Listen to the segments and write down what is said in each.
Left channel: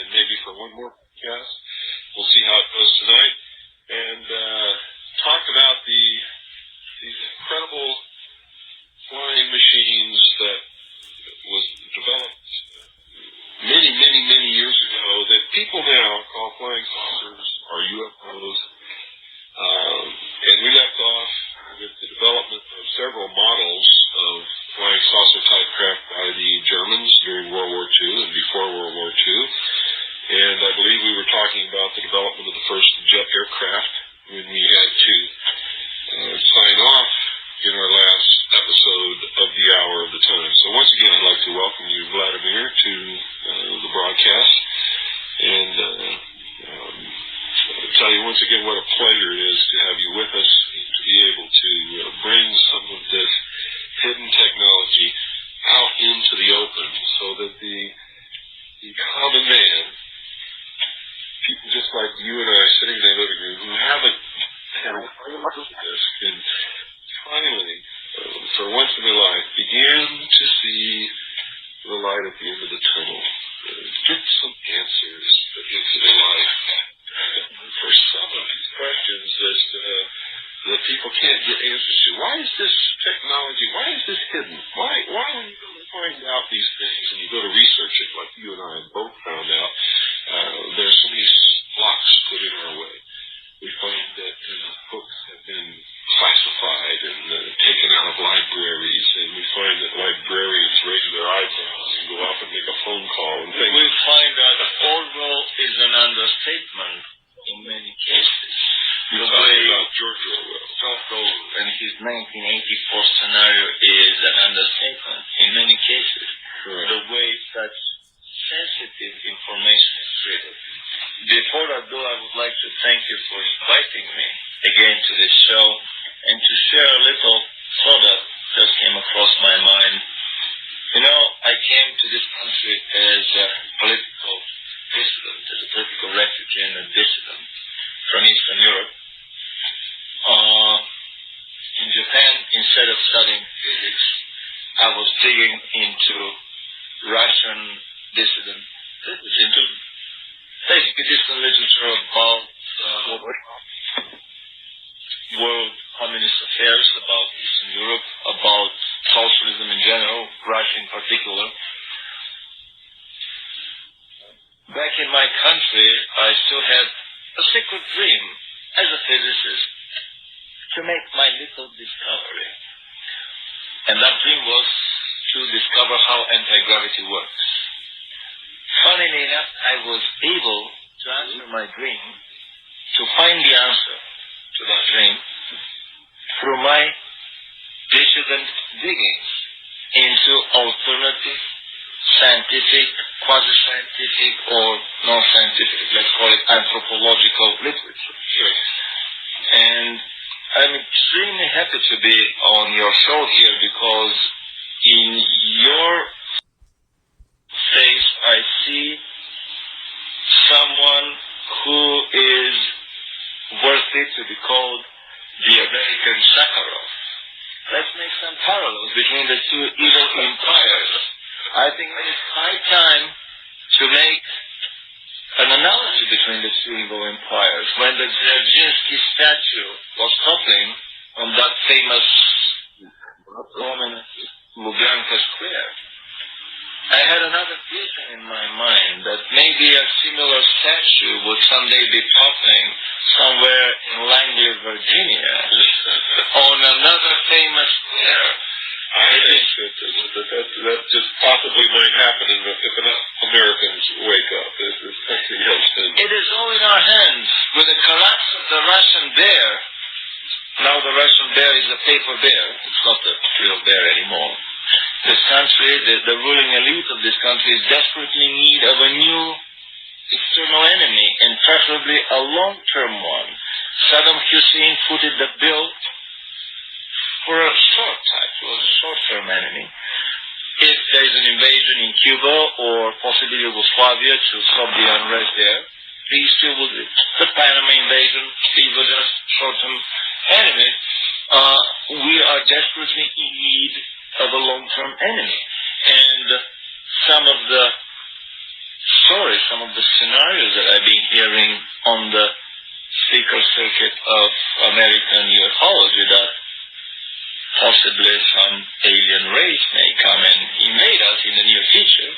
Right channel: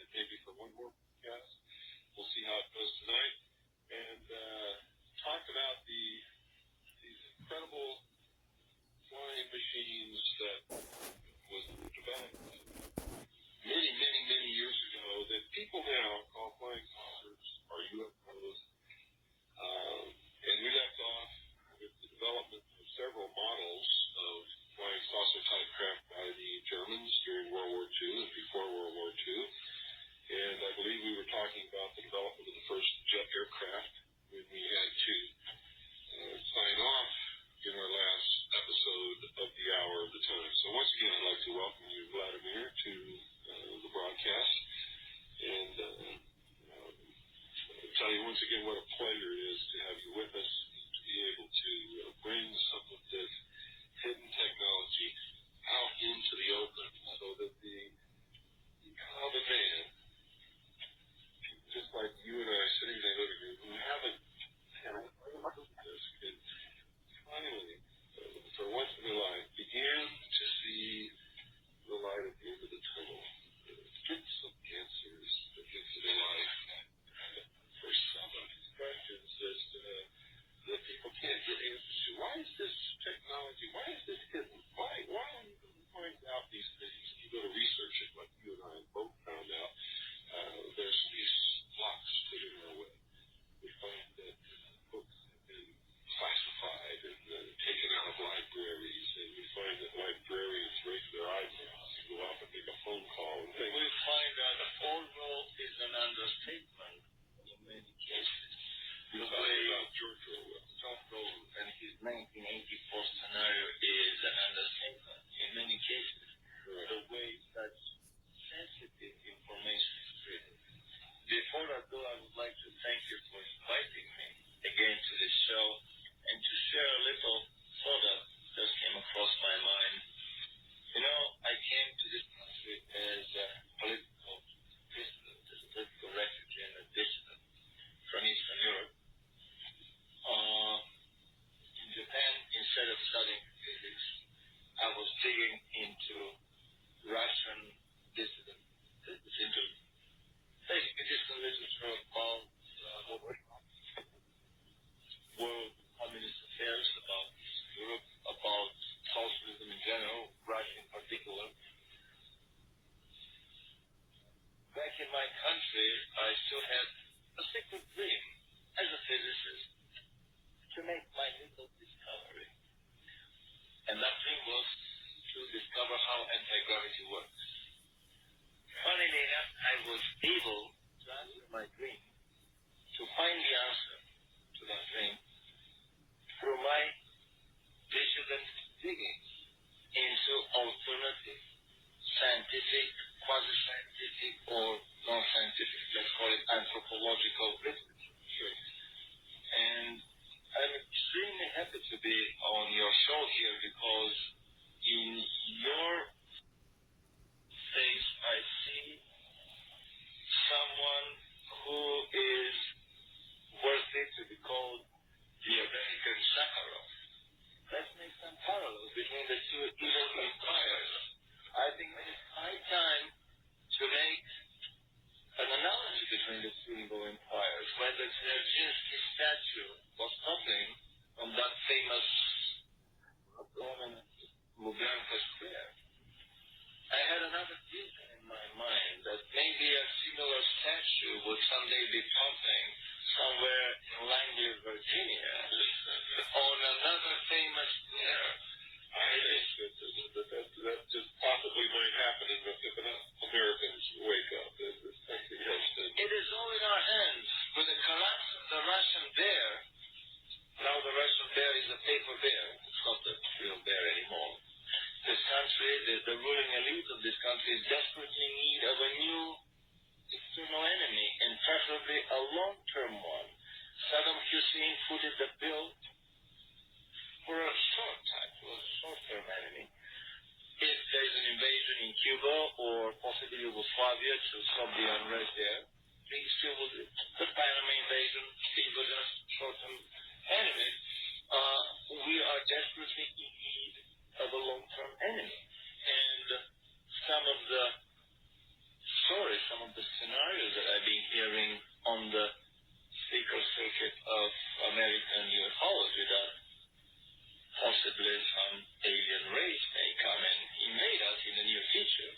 and maybe for one more podcast. We'll see how it goes tonight. And talk about these incredible flying machines that was developed many, many, many years ago that people now call flying saucers or UFOs. And we left off with the development of several models of flying saucer type craft by the Germans during World War II and before World War II. And I believe we were talking about the development of the first jet aircraft when we had to sign off in our last episode of the Hour of the Time. So once again, I'd like to welcome you, Vladimir, to the broadcast. And tell you once again what a pleasure it is to have you with us and to be able to bring some of this hidden technology out into the open so that the common man, people just like you and I sitting in the living room who haven't had a clue of this, can finally, for once in their life, begin to see the light at the end of the tunnel. Get some answers into their life. For some of these questions that people can't get answers to. Why is this technology, why is this hidden? Why when you go to find out these things and you go to research it, like you and I both found out, there's so many blocks put in our way. We find that books have been classified and taken out of libraries, and we find that librarians raise their eyebrows and go off and make a phone call and things. We find that Orwell is an understatement in many cases. You're talking about George Orwell. And his 1984 scenario is an understatement in many cases. Right. The way such sensitive information is treated. Before I do, I would like to thank you for inviting me again to this show and to share a little thought that just came across my mind. You know, I came to this country as a political dissident, as a political refugee and a dissident from Eastern Europe. In Japan, instead of studying physics, I was digging into Russian dissident literature, into basically dissident literature about world communist affairs, about Eastern Europe, about socialism in general, Russia in particular. Back in my country, I still had a secret dream as a physicist to make my little discovery. And that dream was to discover how anti-gravity works. Funnily enough, I was able to answer my dream, to find the answer to that dream, through my dissident diggings into alternative scientific, quasi-scientific, or non-scientific, let's call it anthropological literature. Sure. And I'm extremely happy to be on your show here because in your face I see someone who is worthy to be called the American Sakharov. Let's make some parallels between the two evil empires. I think it is high time to make an analogy between the two evil empires. When the Dzerzhinsky statue was toppling on that famous Roman Lubyanka Square, I had another vision in my mind that maybe a similar statue would someday be toppling somewhere in Langley, Virginia, on another famous square. I think that just possibly might happen if enough Americans wake up. This country has been... It is all in our hands. With the collapse of the Russian bear, now the Russian bear is a paper bear. It's not a real bear anymore. This country, the ruling elite of this country is desperately in need of a new external enemy, and preferably a long-term one. Saddam Hussein footed the bill for a short-term enemy. If there is an invasion in Cuba or possibly Yugoslavia to stop the unrest there, peace still will do. The Panama invasion, these were just short-term enemies. We are desperately in need of a long-term enemy. And some of the stories, some of the theoretical circuit of American ufology that possibly some alien race may come and invade us in the near future.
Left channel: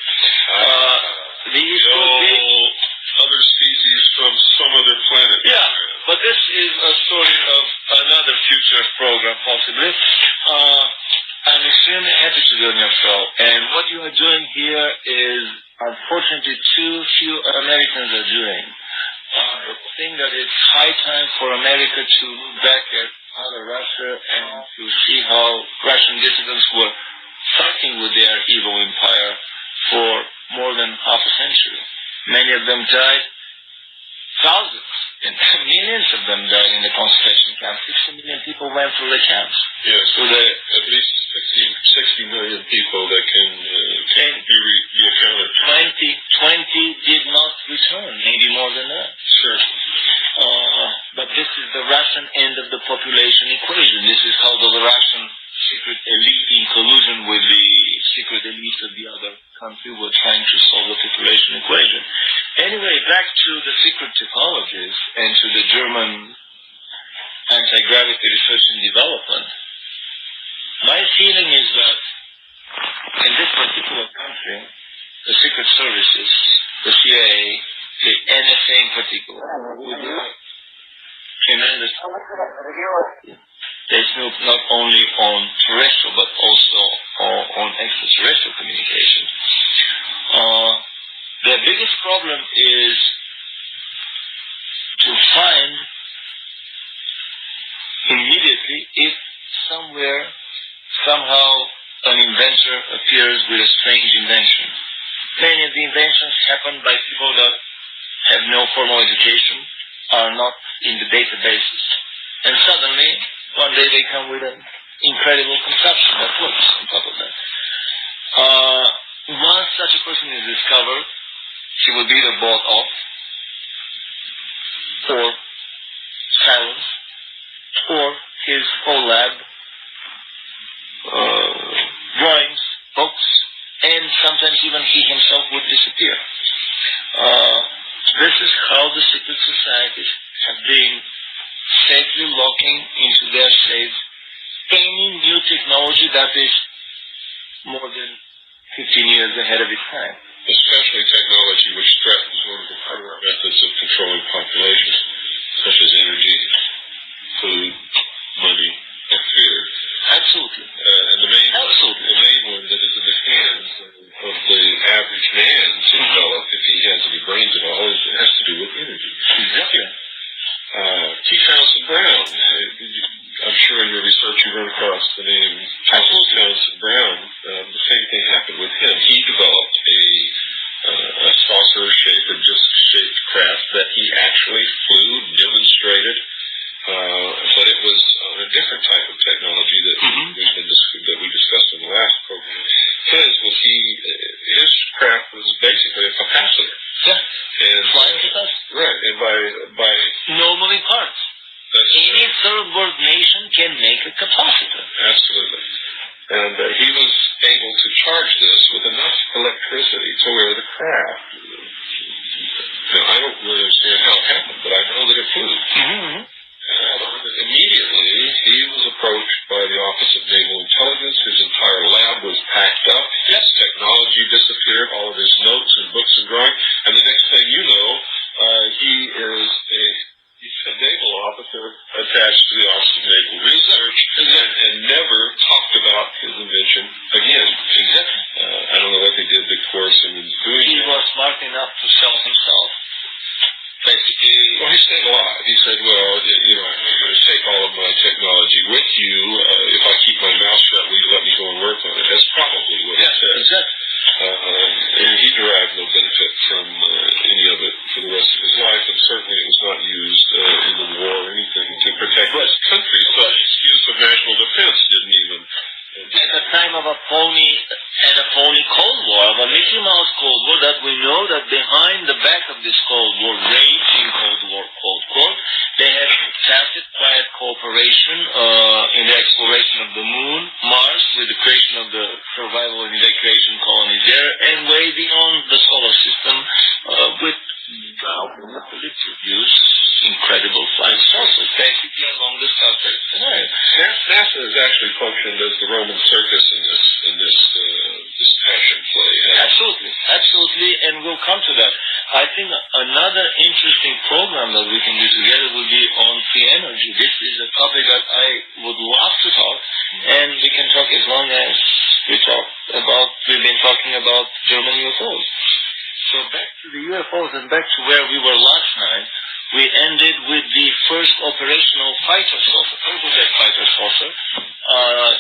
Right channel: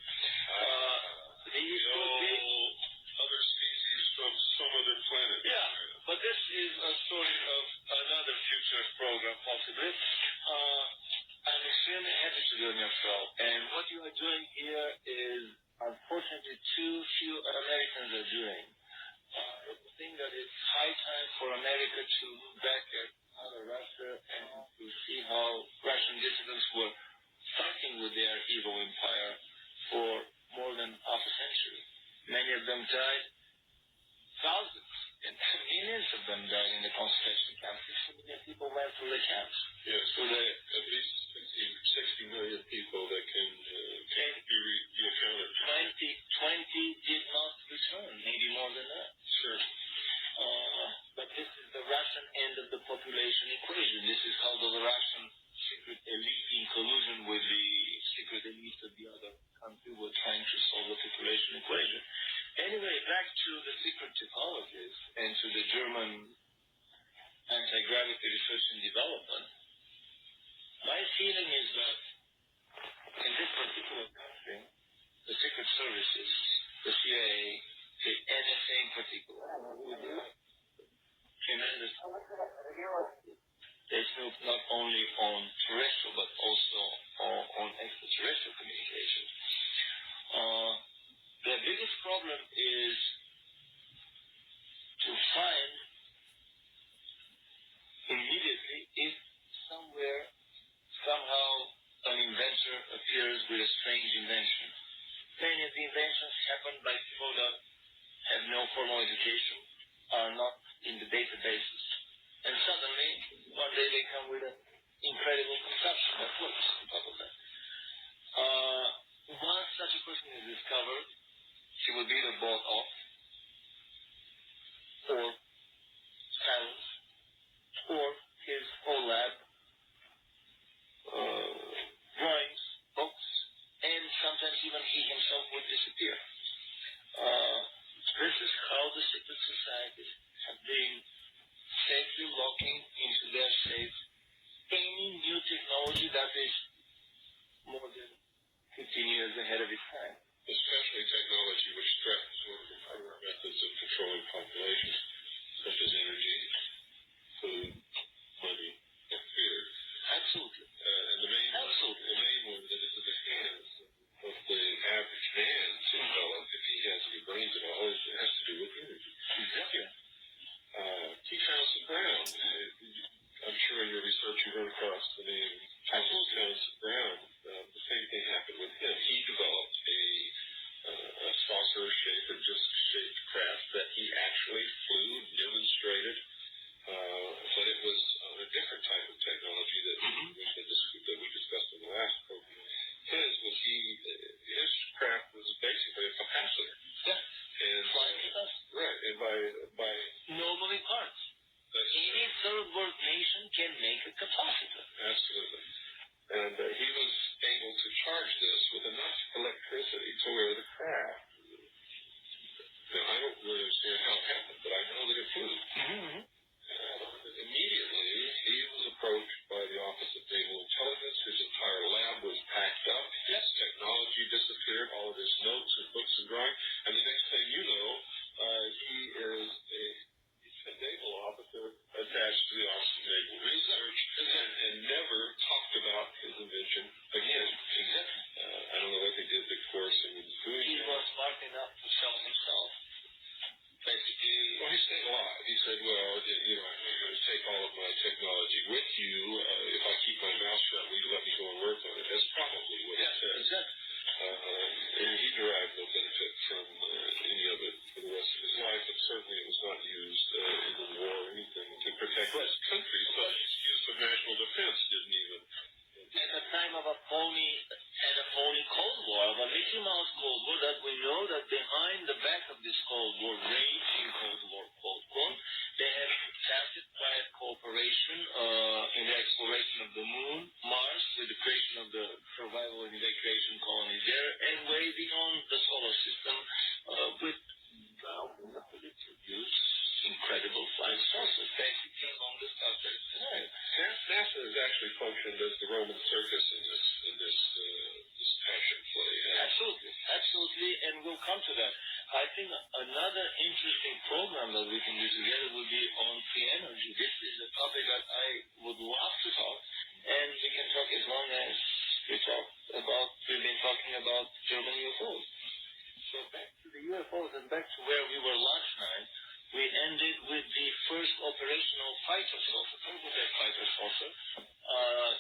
These could be other species from some other planet. Yeah, but this is a story of another future program, possibly. I'm extremely happy to be on your show, and what you are doing here is, unfortunately, too few Americans are doing. I think that it's high time for America to look back at other Russia and to see how Russian dissidents were fighting with their evil empire for more than half a century. Many of them died, thousands, and millions of them died in the concentration camps. 60 million people went through the camps. Yes, so at least 60 million people that can be accounted for. 20 did not return, maybe more than that. Sure. But this is the Russian end of the population equation. This is how the Russian secret elite, in collusion with the secret elite of the other country, were trying to solve the population equation. Anyway, back to the secret technologies and to the German anti-gravity research and development. My feeling is that in this particular country, the secret services, the CIA, the NSA in particular, would do tremendous. They snoop not only on terrestrial but also on extraterrestrial communication. Their biggest problem is to find immediately if somewhere, somehow, an inventor appears with a strange invention. Many of the inventions happen by people that have no formal education, are not in the databases, and suddenly, one day they come with an incredible conception that works on top of that. Once such a person is discovered, he will be either bought off or silenced, or his whole lab, drawings, books, and sometimes even he himself would disappear. This is how the secret societies have been safely locking into their safe any new technology that is more than 15 years ahead of its time. Especially technology which threatens one of the current methods of controlling populations, such as energy, food, money, and fear. Absolutely. And the main one that is in the hands of the average man to develop, if he has any brains at all, has to do with energy. Exactly. T. Townsend Brown. I'm sure in your research you run across the name Townsend Brown. The same thing happened with him. He developed a saucer-shaped or disc-shaped craft that he actually flew, demonstrated, but it was on a different type of technology that that we discussed in the last program. His craft was basically a capacitor. Yeah. And flying capacitor. Right, and by no moving parts. Any third world nation can make a capacitor. Absolutely. And he was able to charge this with enough electricity to where the craft. Now, I don't really understand how it happened, but I know that it flew. Immediately, he was approached by the Office of Naval Intelligence. His entire lab was packed up. His technology disappeared, all of his notes and books and drawings. And the next thing you know, he is a naval officer attached to the Office of Naval Research and never talked about his invention again. Exactly. I don't know what they did to coerce him into doing He was smart enough to sell himself. Basically, well, he stayed alive. He said, well, I'm going to take all of my technology with you. If I keep my mouth shut, will you let me go and work on it? That's probably what he said. Exactly. And he derived no benefit from any of it for the rest of his life, and certainly it was not used in the war or anything to protect his country. So the excuse of national defense didn't even... At the time of a phony Cold War, of a Mickey Mouse Cold War, that we know that behind the back of this Cold War, raging Cold War, quote, quote, they had tacit, quiet cooperation in the exploration of the moon, Mars, with the creation of the survival and evacuation colonies there, and way beyond the solar system with military use, incredible credible flying saucers, basically along the Star Trek scenario. NASA has actually functioned as the Roman circus in this passion play. Absolutely, and we'll come to that. I think another interesting program that we can do together will be on free energy. This is a topic that I would love to talk, and we can talk as long as we've been talking about German UFOs. So back to the UFOs and back to where we were last night, we ended with the first operational fighter saucer, turbojet fighter saucer,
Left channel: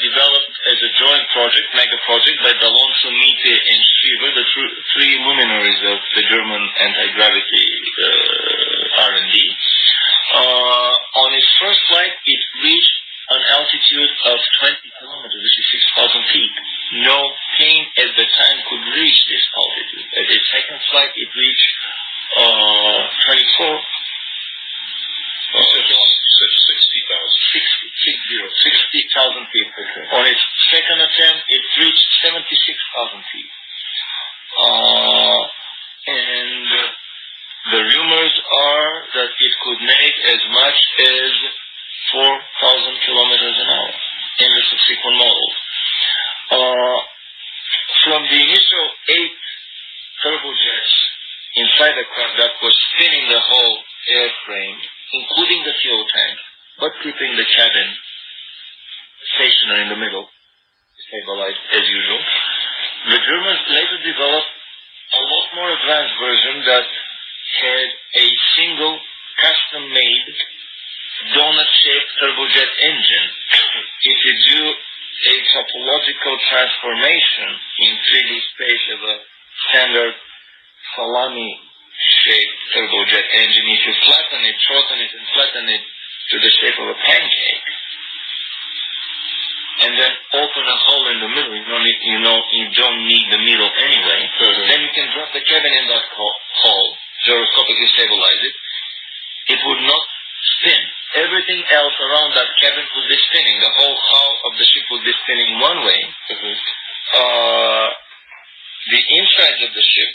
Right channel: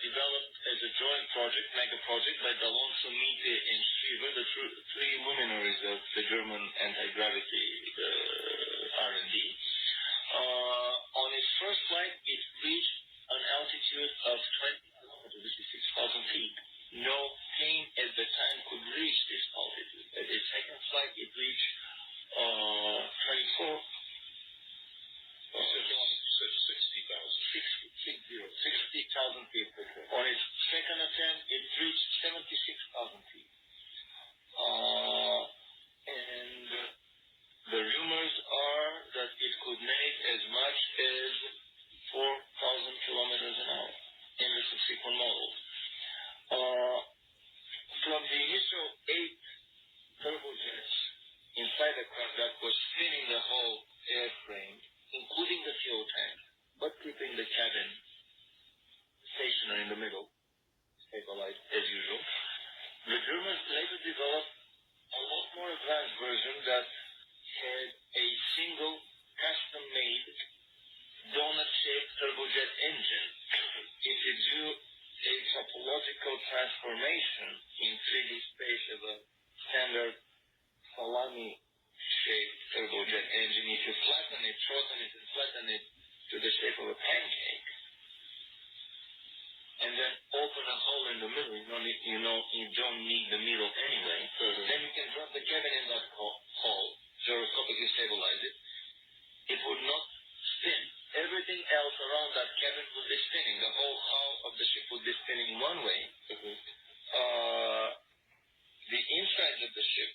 developed as a joint project, mega project, by D'Alonso, Miete, and Schriever, the three luminaries of the German anti-gravity R&D. On its first flight, it reached an altitude of 20 kilometers, which is 6,000 feet. No plane at the time could reach this altitude. At its second flight, it reached 24. You said 60,000 feet. Okay. On its second attempt, it reached 76,000 feet. And the rumors are that it could make as much as 4,000 kilometers an hour in the subsequent models. From the initial 8 turbojets inside the craft that was spinning the whole airframe, including the fuel tank, but keeping the cabin stationary in the middle, stabilized as usual, the Germans later developed a lot more advanced version that had a single custom-made donut-shaped turbojet engine. If you do a topological transformation in 3D space of a standard salami-shaped turbojet engine, if you flatten it, shorten it, and flatten it to the shape of a pancake, and then open a hole in the middle, you don't need the middle anyway, then you can drop the cabin in that hole, gyroscopically stabilize it. It would not spin. Everything else around that cabin would be spinning. The whole hull of the ship would be spinning one way. The inside of the ship,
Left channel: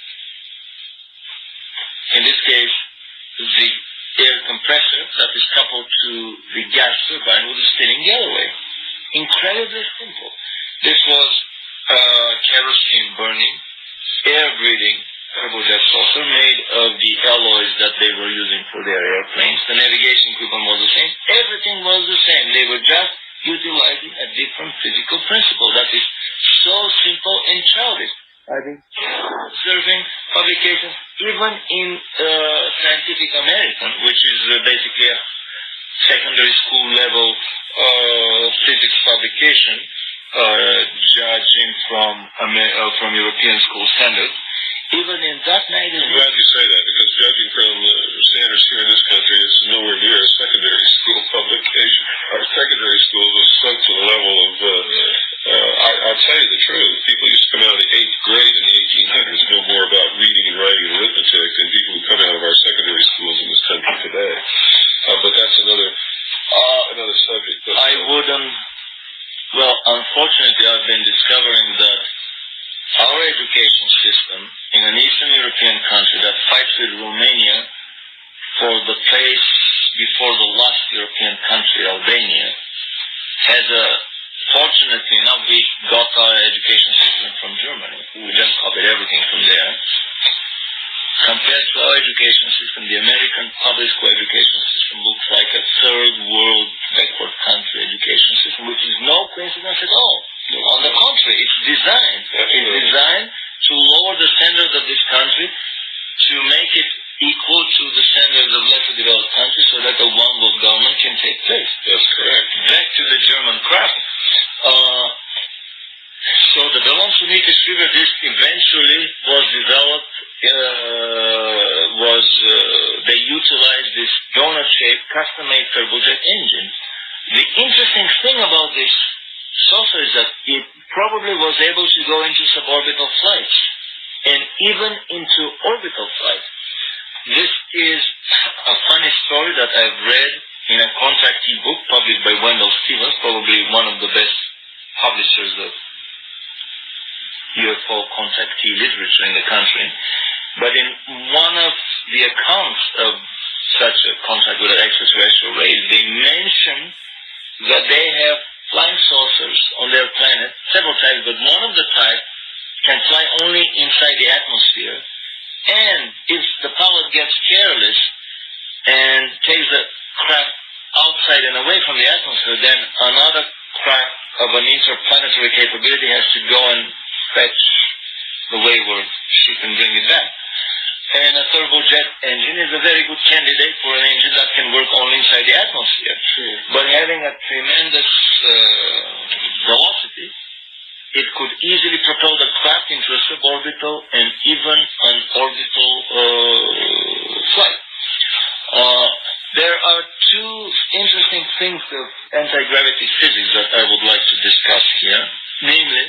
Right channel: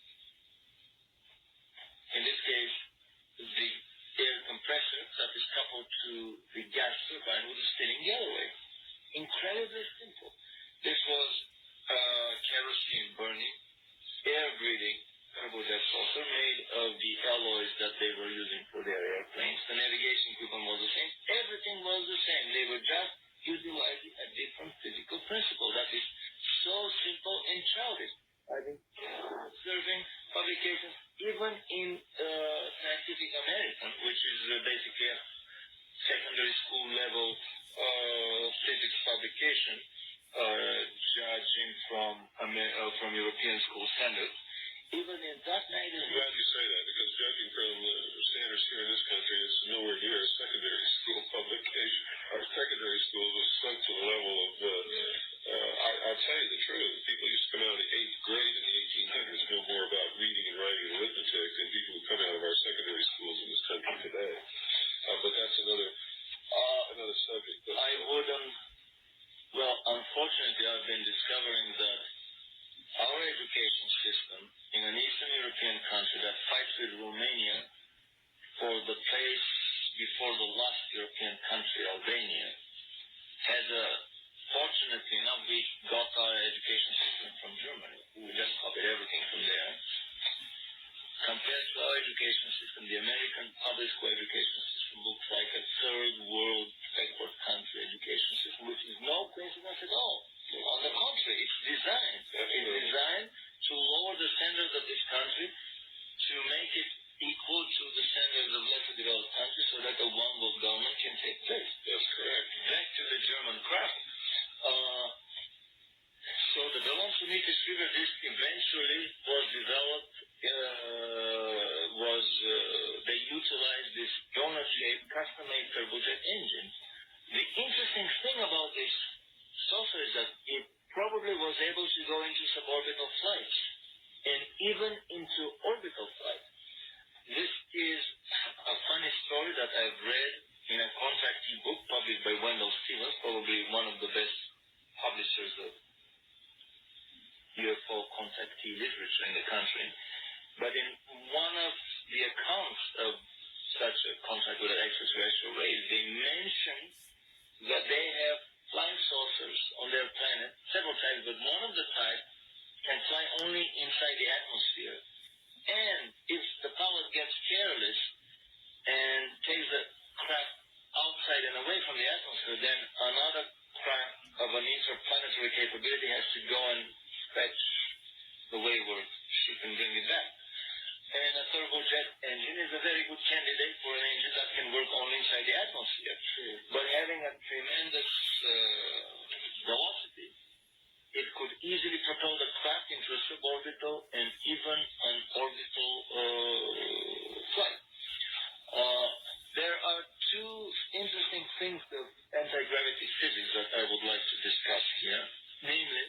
in this case, the air compressor that is coupled to the gas turbine would be spinning the other way. Incredibly simple. This was kerosene burning, air breathing turbojet saucer made of the alloys that they were using for their airplanes. The navigation equipment was the same. Everything was the same. They were just utilizing a different physical principle that is so simple and childish. I've been observing publications, even in Scientific American, which is basically a secondary school level physics publication, judging from European school standards. Even in that magazine... I'm glad you say that, because judging from standards here in this country, it's nowhere near a secondary school publication. Our secondary schools have sunk to the level of... I'll tell you the truth. People used to come out of the 8th grade in the 1800s know more about reading and writing and arithmetic than people who come out of our secondary schools in this country today. But that's another subject. But, well, unfortunately, I've been discovering that our education system in an Eastern European country that fights with Romania for the place before the last European country, Albania, has fortunately enough, we got our education system from Germany. We just copied everything from there. Compared to our education system, the American public school education system looks like a third world backward country education system, which is no coincidence at all. On the contrary, it's designed to lower the standards of this country, to make it equal to the standards of lesser developed countries, so that a one world government can take place. That's correct. Back to the German craft. So the Bellon-Sunita Schriever disc eventually was developed, they utilized this donut-shaped custom-made turbojet engine. The interesting thing about this saucer is that it probably was able to go into suborbital flights and even into orbital flights. This is a funny story that I've read in a contactee book published by Wendell Stevens, probably one of the best publishers of UFO contactee literature in the country. But in one of the accounts of such a contract with an extraterrestrial race, they mention that they have flying saucers on their planet, several types, but one of the types can fly only inside the atmosphere. And if the pilot gets careless and takes the craft outside and away from the atmosphere, then another craft of an interplanetary capability has to go and fetch the wayward ship and bring it back. And a turbojet engine is a very good candidate for an engine that can work only inside the atmosphere. Sure. But having a tremendous velocity, it could easily propel the craft into a suborbital and even an orbital flight. There are two interesting things of anti-gravity physics that I would like to discuss here. Namely,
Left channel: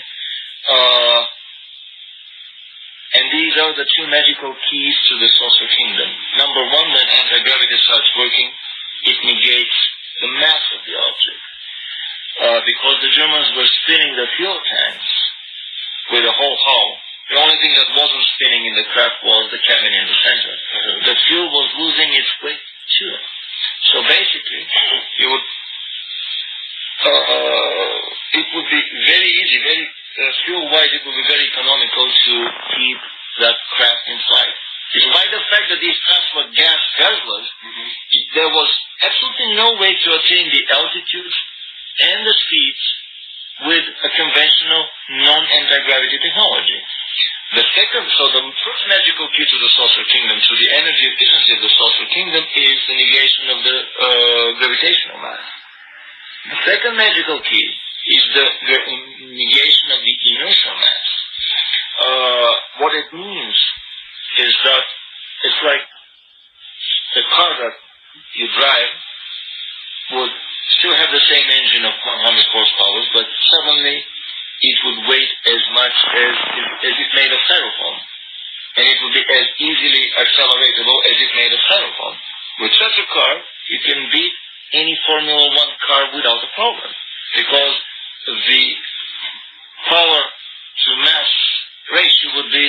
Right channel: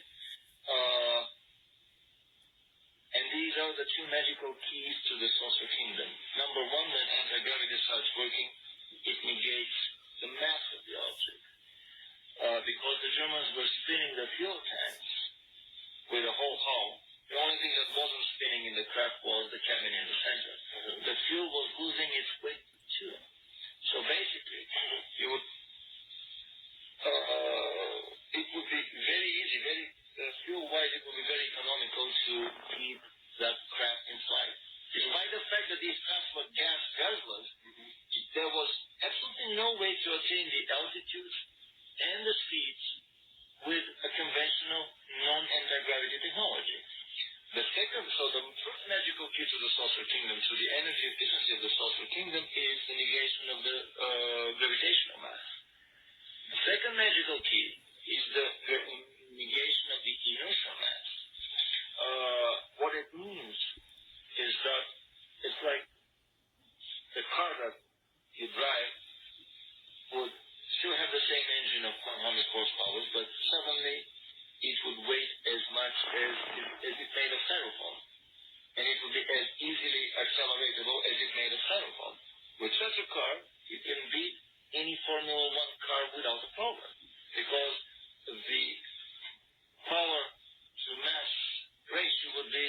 and these are the two magical keys to the saucer kingdom. Number one, when anti-gravity starts working, it negates the mass of the object. Because the Germans were spinning the fuel tanks with a whole hull, the only thing that wasn't spinning in the craft was the cabin in the center. The fuel was losing its weight too. So basically, it would be very easy, very fuel-wise, it would be very economical to keep that craft in flight. Despite the fact that these crafts were gas guzzlers, there was absolutely no way to attain the altitudes and the speeds with a conventional non-anti-gravity technology. The first magical key to the saucer kingdom, to the energy efficiency of the saucer kingdom, is the negation of the gravitational mass. The second magical key is the negation of the inertial mass. What it means is that it's like the car that you drive would still have the same engine of 100 horsepower, but suddenly it would weigh as much as if made of styrofoam. And it would be as easily acceleratable as if made of styrofoam. With such a car, you can beat any Formula One car without a problem, because the power to mass ratio would be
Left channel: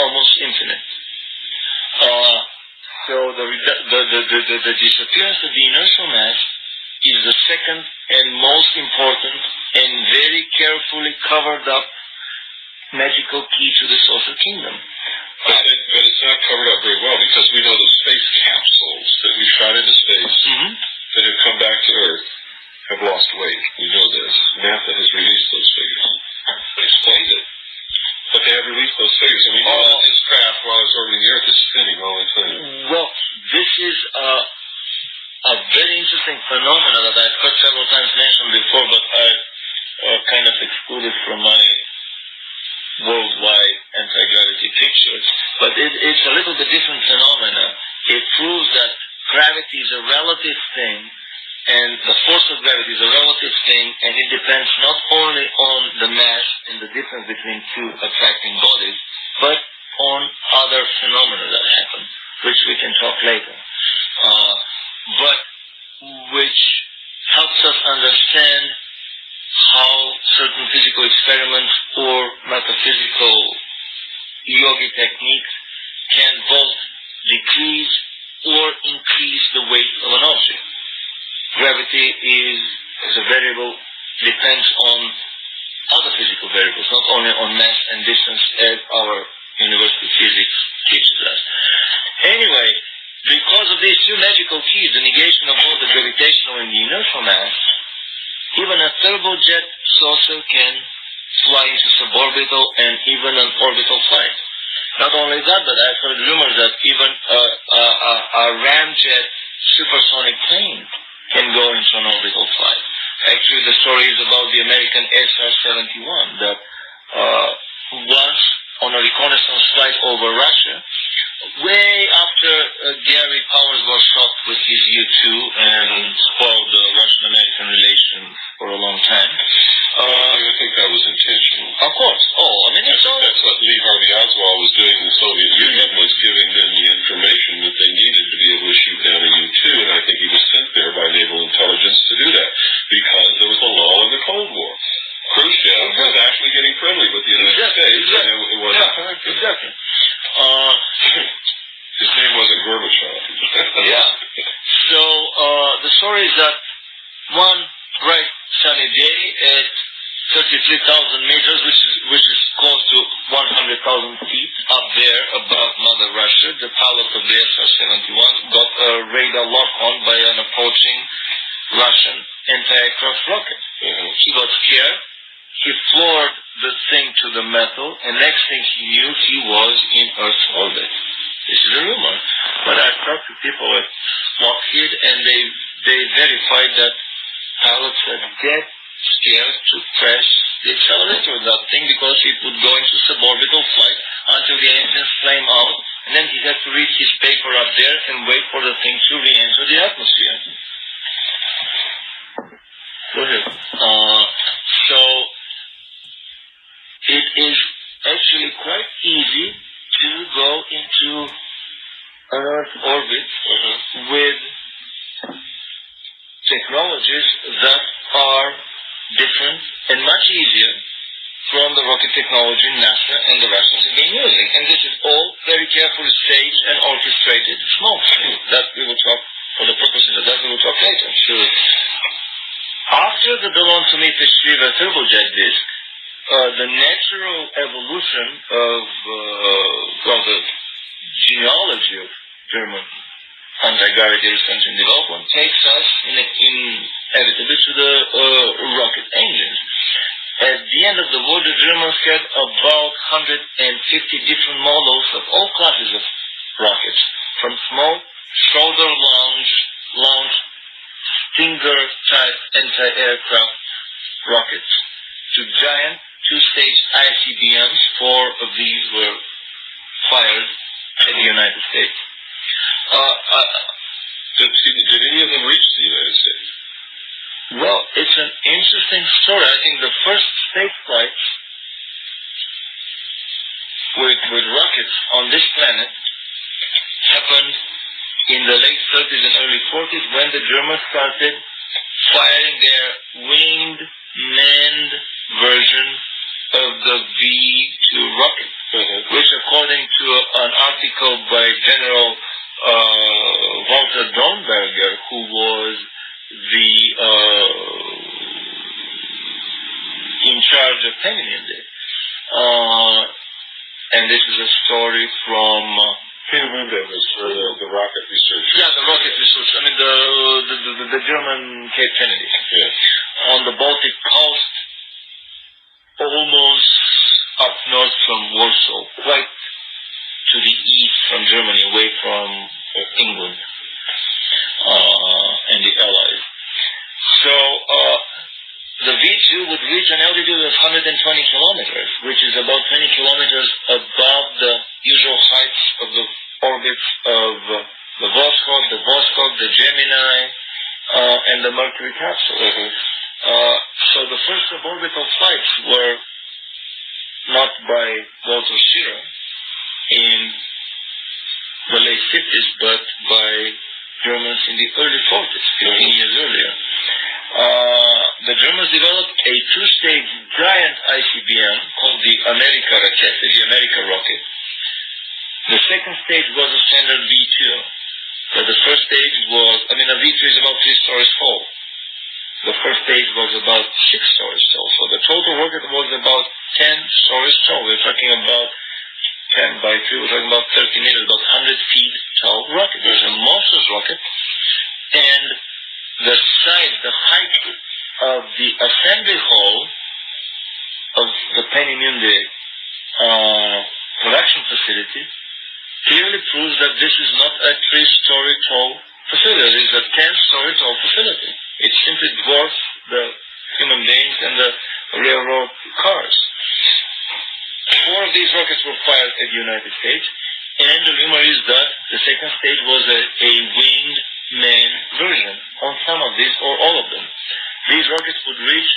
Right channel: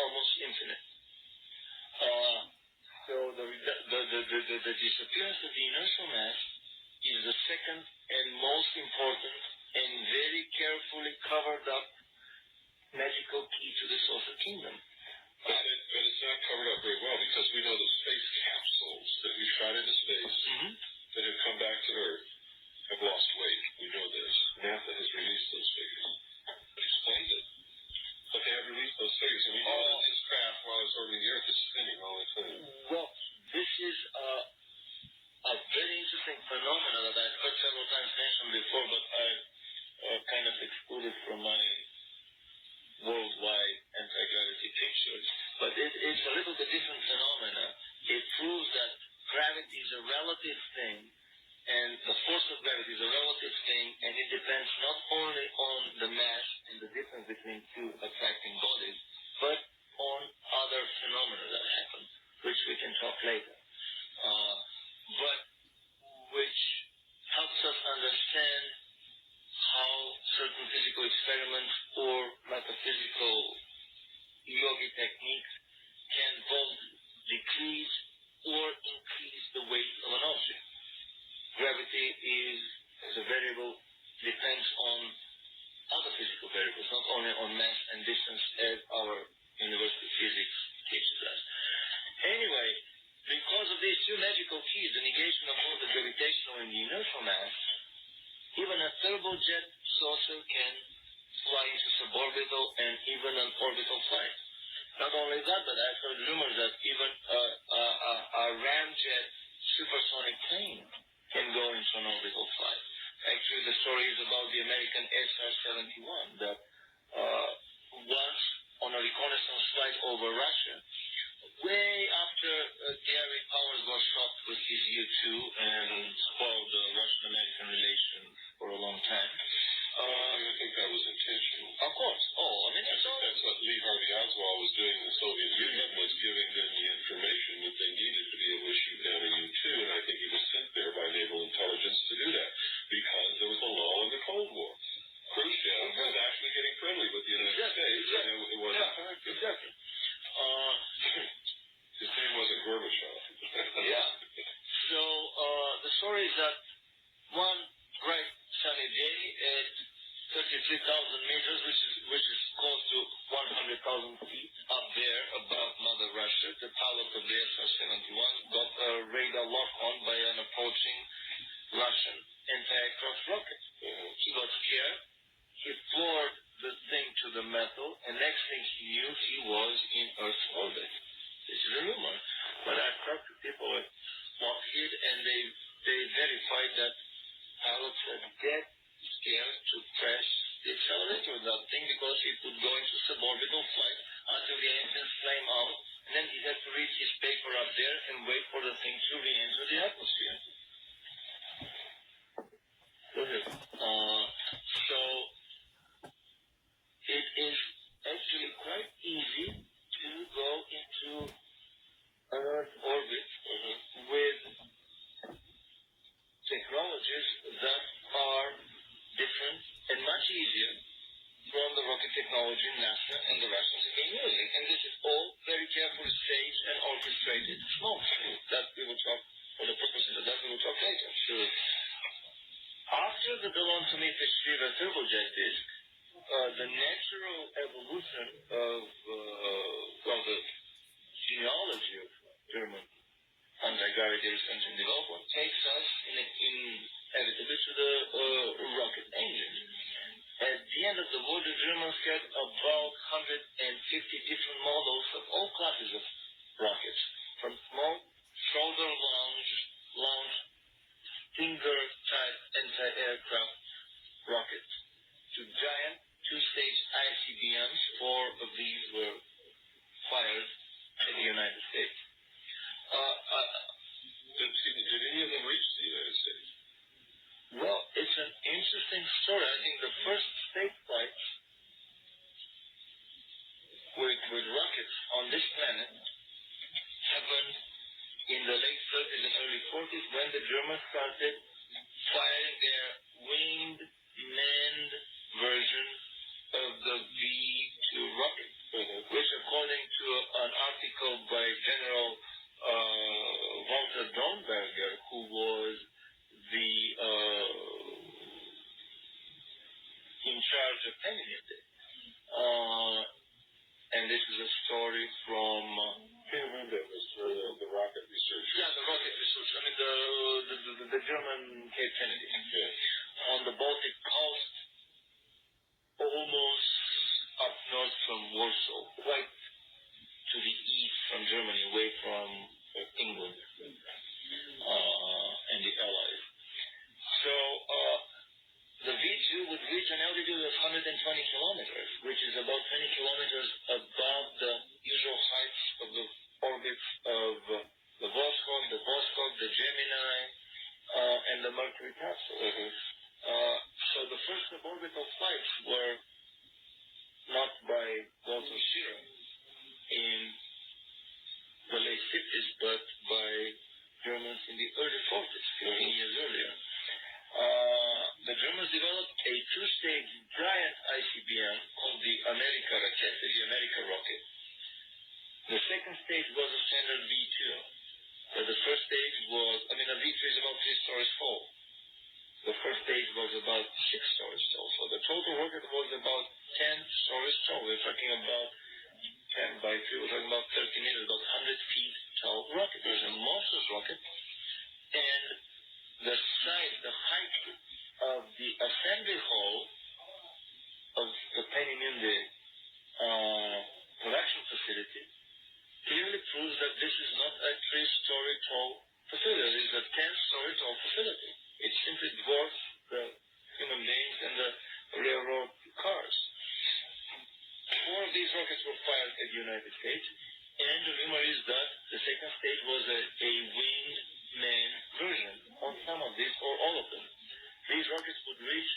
almost infinite. So the disappearance of the inertial mass is the second and most important and very carefully covered up magical key to the saucer kingdom. But it's not covered up very well, because we know the space capsules that we shot into space that have come back to Earth have lost weight. We know this. NASA has released those figures. Explained it. But they have released those figures. And we know that this craft, while it's orbiting the Earth, is spinning all the time. Well, this is a very interesting phenomenon that I've heard several times mentioned before, but I've kind of excluded from my worldwide anti-gravity picture. But it's a little bit different phenomenon. It proves that gravity is a relative thing, and the force of gravity is a relative thing, and it depends not only on the mass and the difference between two attracting bodies, but on other phenomena that happen, which we can talk later. But which helps us understand how certain physical experiments or metaphysical yogi techniques can both decrease or increase the weight of an object. Gravity is a variable, depends on other physical variables, not only on mass and distance, as our university physics teaches us. Anyway, because of these two magical keys, the negation of both the gravitational and the inertial mass, even a turbojet saucer can fly into suborbital and even an orbital flight. Not only that, but I've heard rumors that even a ramjet supersonic plane can go into an orbital flight. Actually, the story is about the American SR-71 that once on a reconnaissance flight over Russia, way after Gary Powers was shot with his U-2 and spoiled the Russian-American relations for a long time. I think that was intentional. Of course. That's what Lee Harvey Oswald was doing in the Soviet Union, was giving them the information that they needed to be able to shoot down a U-2, and I think he was sent there by naval intelligence to do that, because there was a lull in the Cold War. Khrushchev was actually getting friendly with the United States, and it wasn't time for it. Exactly. His name wasn't Gorbachev. Yeah. the story is that one bright sunny day at 33,000 meters, which is close to 100,000 feet up there above Mother Russia, the pilot of the SR-71 got a radar lock-on by an approaching Russian anti-aircraft rocket. He got scared. He floored the thing to the metal, and next thing he knew, he was in Earth's orbit. This is a rumor. But I talked to people at Lockheed, and they verified that pilots are dead scared to press the accelerator of that thing because it would go into suborbital flight until the engines flame out, and then he had to read his paper up there and wait for the thing to re-enter the atmosphere. Go ahead. So it is actually quite easy to go into an Earth orbit with technologies that are different and much easier from the rocket technology NASA and the Russians have been using. And this is all very carefully staged and orchestrated smoke. That we will talk, for the purposes of that, we will talk later. Sure. After the Ballon to Meter Shriva turbojet disk, the natural evolution of the genealogy of German anti-gravity research and development takes us inevitably to the rocket engines. At the end of the war, the Germans had about 150 different models of all classes of rockets, from small shoulder-launched Stinger-type anti-aircraft rockets to giant two-stage ICBMs. 4 of these were fired in the United States. Did any of them reach the United States? Well, it's an interesting story. I think the first space flights with rockets on this planet happened in the late 30s and early 40s when the Germans started firing their winged, manned version of the V-2 rocket, which, according to an article by General Walter Dornberger, who was in charge of Peenemünde, and this is a story from Peenemünde was for the rocket research. Yeah, the rocket research. I mean, the German Cape Kennedy. Yes. On the Baltic coast, almost up north from Warsaw, quite to the east from Germany, away from England and the Allies. So the V-2 would reach an altitude of 120 kilometers, which is about 20 kilometers above the usual heights of the orbits of the Vostok, the Gemini, and the Mercury capsule. So the first suborbital flights were not by Walter Schirra in the late 50s, but by Germans in the early 40s, 15 years earlier. The Germans developed a two-stage giant ICBM called the America rocket. The second stage was a standard V-2. But the first stage was, a V-2 is about 3 stories tall. The first stage was about 6 stories tall. So the total rocket was about 10 stories tall. We're talking about 10 by 3, we're talking about 30 meters, about 100 feet tall rocket. It was a monstrous rocket. And the size, the height of the assembly hall of the Peenemünde production facility clearly proves that this is not a 3-story tall facility. It is a 10-story tall facility. It simply dwarfs the human beings and the railroad cars. 4 of these rockets were fired at the United States, and the rumor is that the second stage was a winged man version on some of these or all of them. These rockets would reach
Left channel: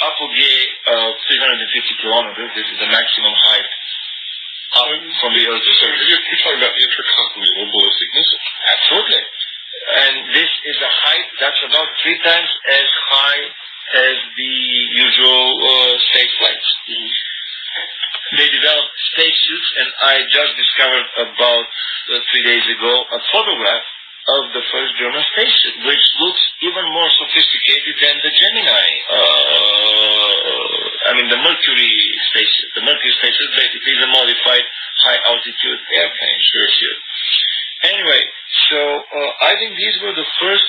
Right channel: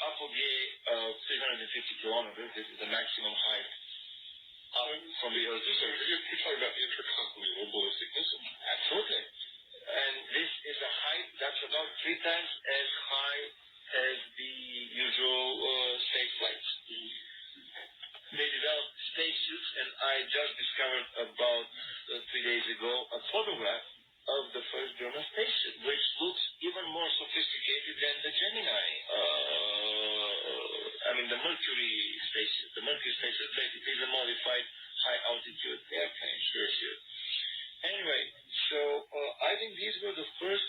apogee of 350 kilometers. This is the maximum height up from the Earth's surface. You're talking about intercontinental ballistic missile. Absolutely. And this is a height that's about 3 times as high as the usual space flights. They developed spacesuits, and I just discovered about 3 days ago a photograph of the first German spaceship, which looks even more sophisticated than the Gemini. The Mercury spaceship. The Mercury spaceship basically is a modified high-altitude airplane. Sure. Anyway, so I think these were the first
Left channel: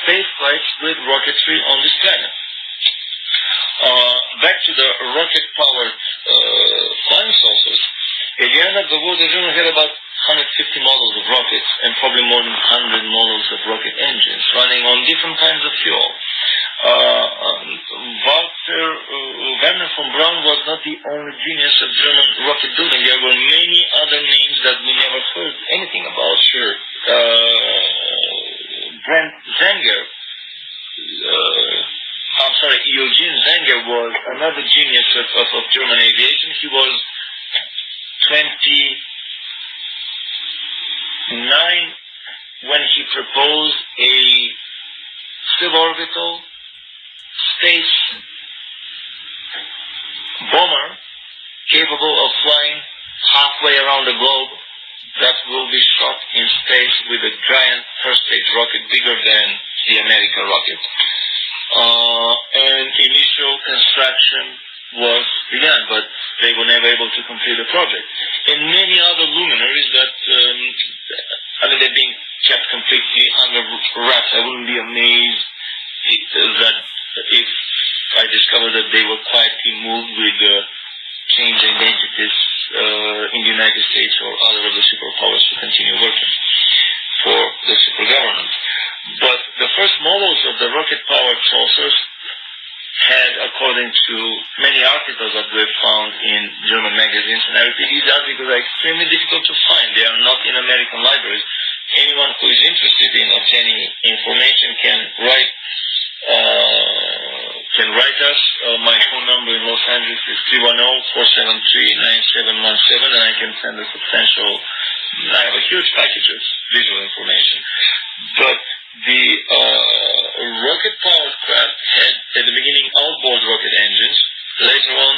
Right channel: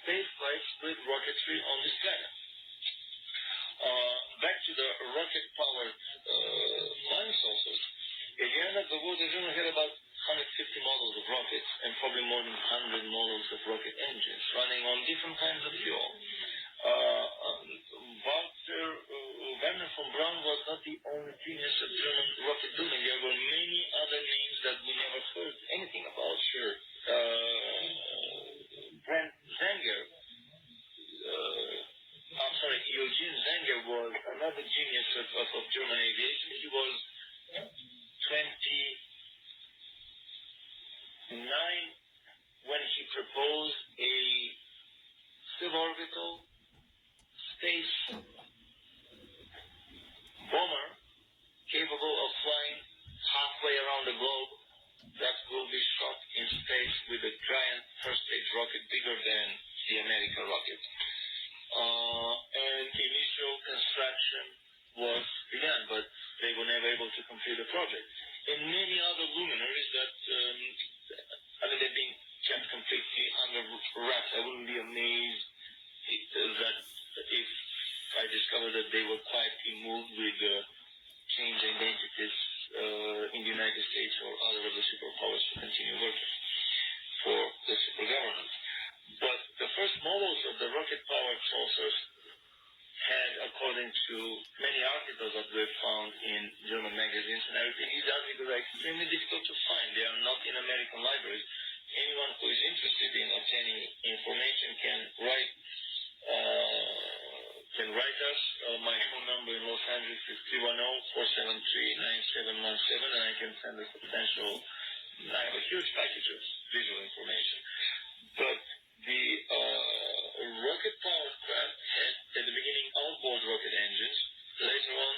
space flights with rocketry on this planet. Back to the rocket-powered flying saucers. At the end of the war, the Germans had about 150 models of rockets and probably more than 100 models of rocket engines running on different kinds of fuel. Werner von Braun was not the only genius of German rocket building. There were many other names that we never heard anything about. Sure. Brent Zenger, Eugene Zenger was another genius of German aviation. He was 29 when he proposed a suborbital space bomber capable of flying halfway around the globe that will be shot in space with a giant first stage rocket bigger than the American rocket. And initial construction was begun, but they were never able to complete the project. And many other luminaries that, they're being kept completely under wraps. I wouldn't be amazed if I discovered that they were quietly moved with change identities in the United States or other of the superpowers to continue working for the super government. But the first models of the rocket-powered saucers had, according to many articles that we've found in German magazines, and I repeat, these articles are extremely difficult to find. They are not in American libraries. Anyone who is interested in obtaining information can write us. My phone number in Los Angeles is 310-473-9717, and I can send a substantial, I have a huge package of visual information. But the rocket-powered craft had, at the beginning, outboard rocket engines. Later on,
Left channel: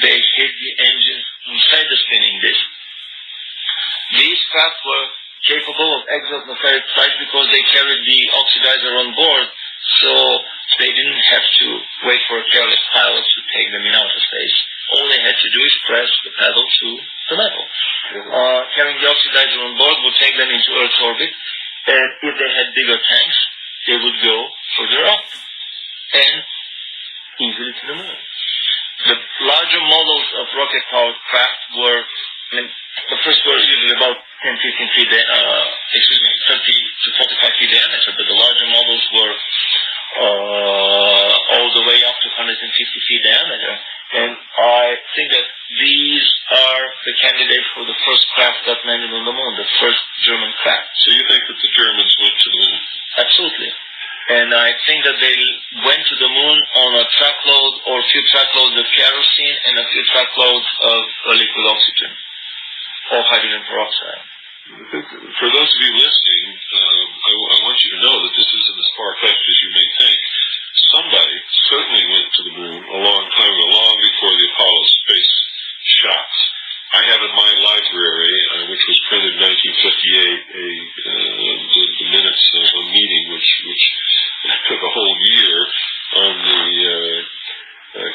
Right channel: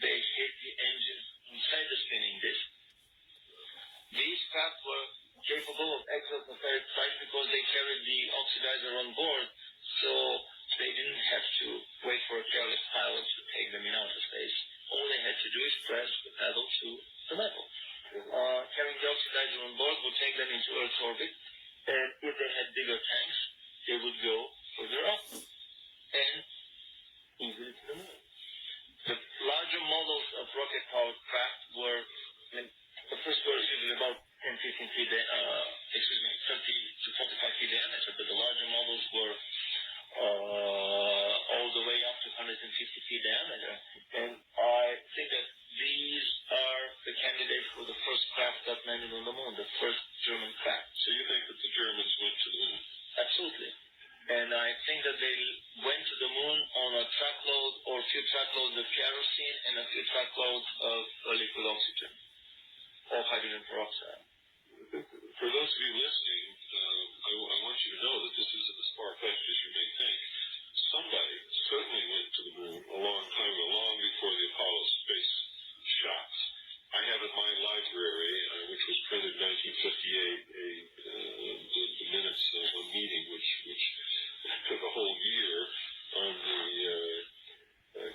they hid the engines inside the spinning disc. These craft were capable of exoatmospheric flight because they carried the oxidizer on board, so they didn't have to wait for a careless pilot to take them in outer space. All they had to do is press the pedal to the metal. Carrying the oxidizer on board would take them into Earth's orbit, and if they had bigger tanks, they would go further up and easily to the moon. The larger models of rocket-powered craft were, the first were usually about 10, 15 feet, 30 to 45 feet diameter, but the larger models were all the way up to 150 feet diameter. And I think that these are the candidates for the first craft that landed on the moon, the first German craft. So you think that the Germans went to the moon? Absolutely. And I think that they went to the moon on a truckload or a few truckloads of kerosene and a few truckloads of liquid oxygen or hydrogen peroxide. For those of you listening, I want you to know that this isn't as far-fetched as you may think. Somebody certainly went to the moon a long time ago, long before the Apollo space shots. I have in my library, which was printed in 1958, the minutes of a meeting which took a whole year on the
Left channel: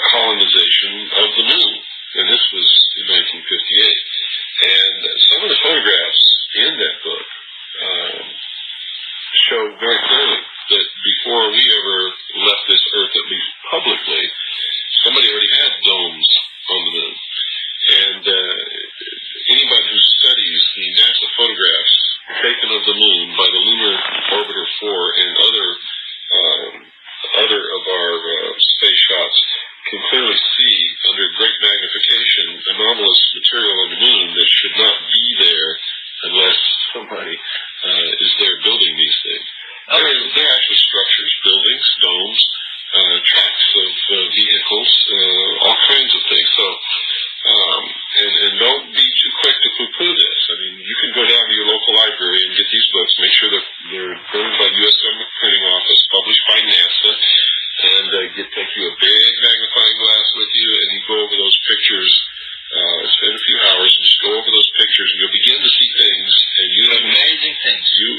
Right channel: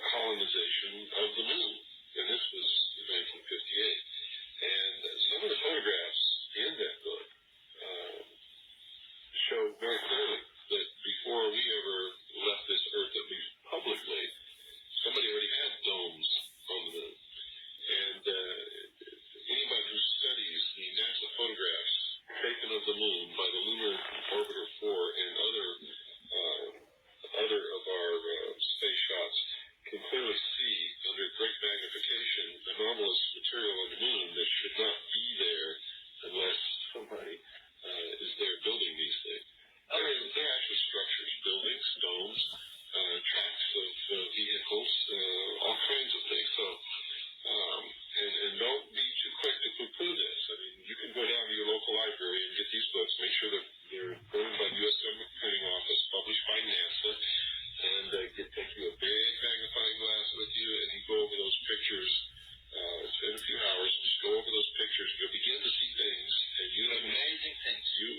colonization of the moon. And this was in 1958. And some of the photographs in that book show very clearly that before we ever left this Earth, at least publicly, somebody already had domes on the moon. And anybody who studies the NASA photographs taken of the moon by the Lunar Orbiter 4 and other of our space shots can clearly see under great magnification anomalous material on the moon that should not be there unless somebody is there building these things. They're actually structures, buildings, domes, tracks of vehicles, all kinds of things. So, and don't be too quick to poo-poo this. I mean, you can go down to your local library and get these books, make sure that they're printed by the U.S. Government Printing Office, published by NASA, and take you a big magnifying glass with you, and you go over those pictures, spend a few hours and just go over those pictures, and you'll begin to see things, and you amazing things. You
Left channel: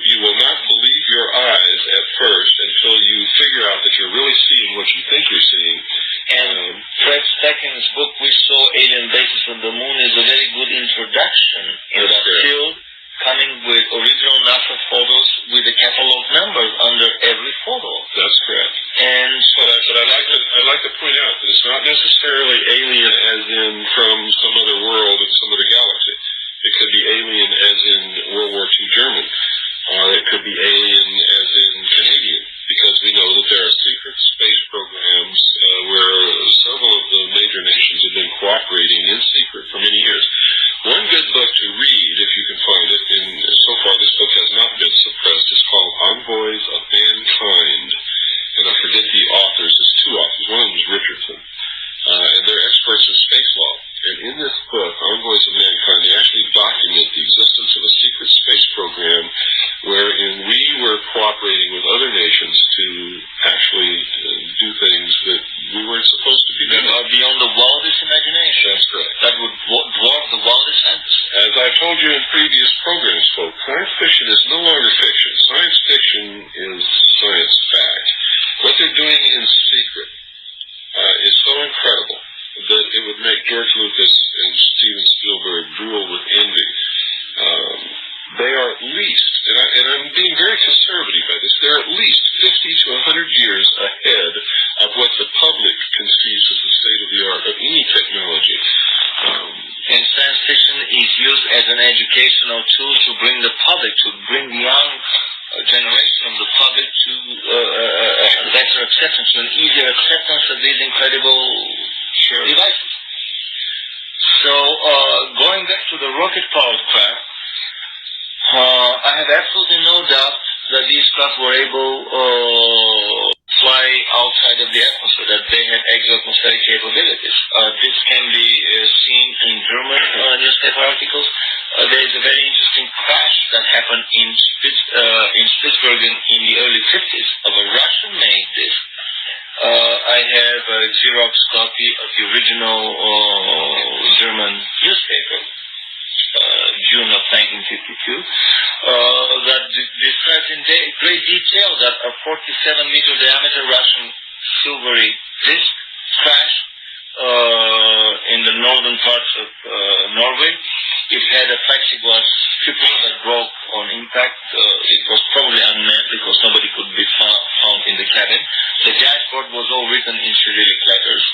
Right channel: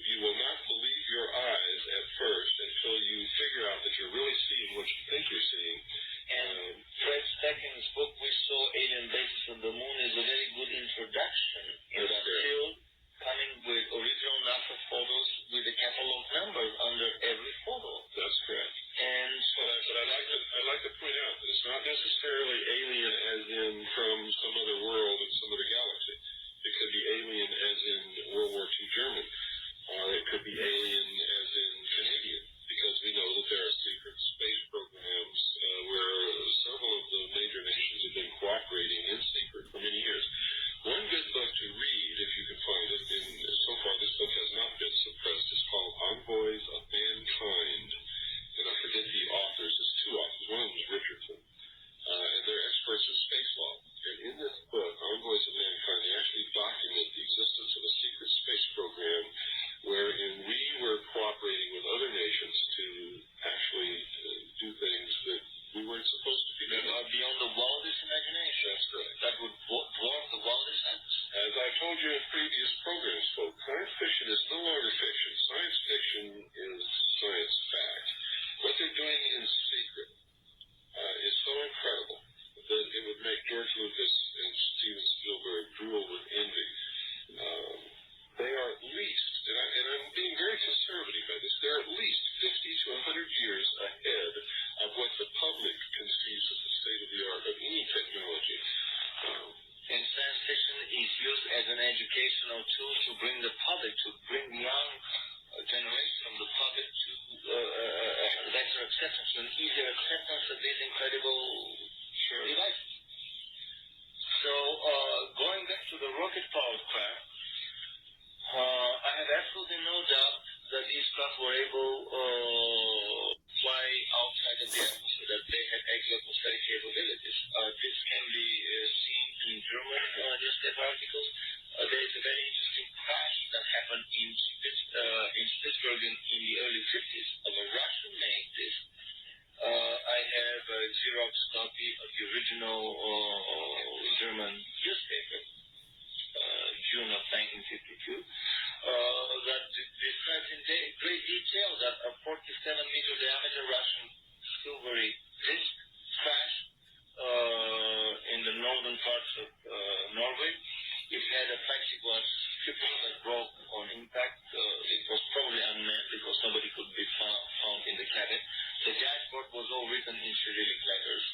necessarily alien as in from some other world in some other galaxy. It could be alien as in World War II German, or it could be alien as in Canadian, because we know that there are secret space programs where several of the major nations have been cooperating in secret for many years. One good book to read, if you can find it, and so far this book has not been suppressed, is called Envoys of Mankind. And I forget the authors. There's two authors. One of them is Richardson. And they're experts in space law. And in this book, Envoys of Mankind, they actually document the existence of a secret space program wherein we were cooperating with other nations to actually do things that we weren't supposed to be doing. That are beyond the wildest imagination. That's correct. That would dwarf the wildest fantasy. As I've told you in previous programs, folks, science fiction is no longer fiction. Science fiction is science fact. What they're doing in secret is so incredible that it would make George Lucas and Steven Spielberg drool with envy. They are at least, and I'm being very conservative by this, they're at least 50 to 100 years ahead of what the public conceives as the state of the art of any technology. And science fiction is used as an educational tool to bring the public, to bring the young generation of the public to a better acceptance, to an easier acceptance of these incredible devices. So, going back to the rocket-powered craft, I have absolutely no doubt that these craft were able to fly outside of the atmosphere, that they had exo-atmospheric capabilities. This can be seen in German newspaper articles. There is a very interesting crash that happened in Spitsbergen in the early 50s of a Russian-made disc. I have a Xerox copy of the original German newspaper, June of 1952, that describes in great detail that a 47-meter diameter Russian silvery disc crashed in the northern parts of Norway. It had a plexiglass stripper that broke on impact. It was probably unmanned because nobody could be found in the cabin. The dashboard was all written in Cyrillic letters.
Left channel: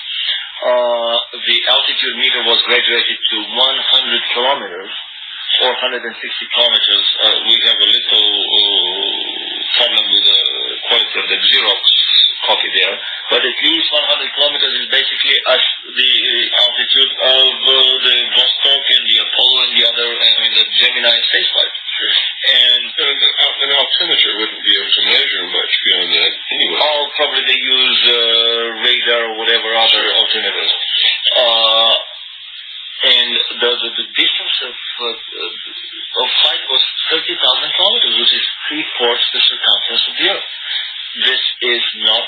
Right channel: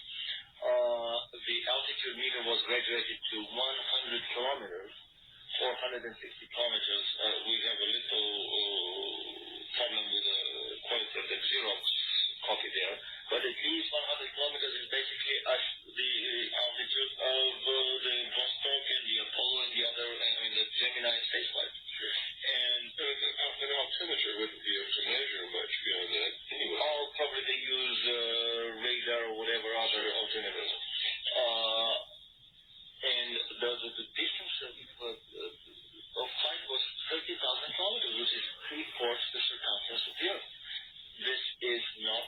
The altitude meter was graduated to 100 kilometers, 460 kilometers. We have a little problem with the quality of the Xerox copy there, but at least 100 kilometers is basically the altitude of the Vostok and the Apollo and the other, the Gemini spaceflight. And an altimeter wouldn't be able to measure much beyond that anyway. Oh, probably they use radar or whatever other alternatives. And the distance of flight was 30,000 kilometers, which is 3/4 the circumference of the Earth. This is not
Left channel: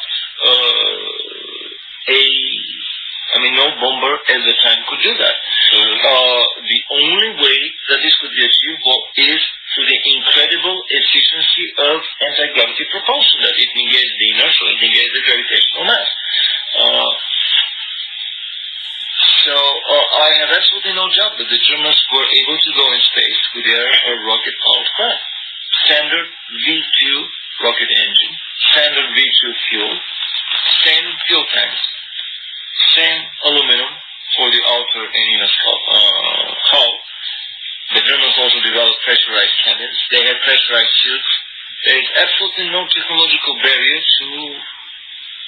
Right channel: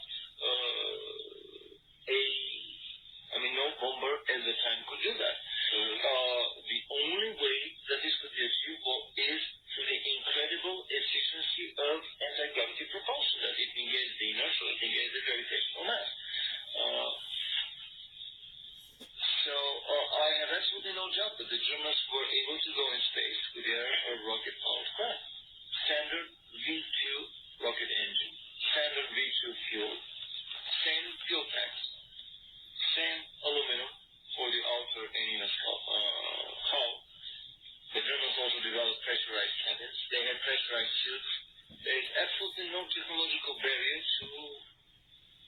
no bomber at the time could do that. The only way that this could be achieved is through the incredible efficiency of anti-gravity propulsion, that it negates the inertia, it negates the gravitational mass. So I have absolutely no doubt that the Germans were able to go in space with their rocket-powered craft. Standard V2 rocket engine, standard V2 fuel, same fuel tanks, same aluminum for the outer and inner hull. The Germans also developed pressurized cabins. They had pressurized suits. There is absolutely no technological barrier to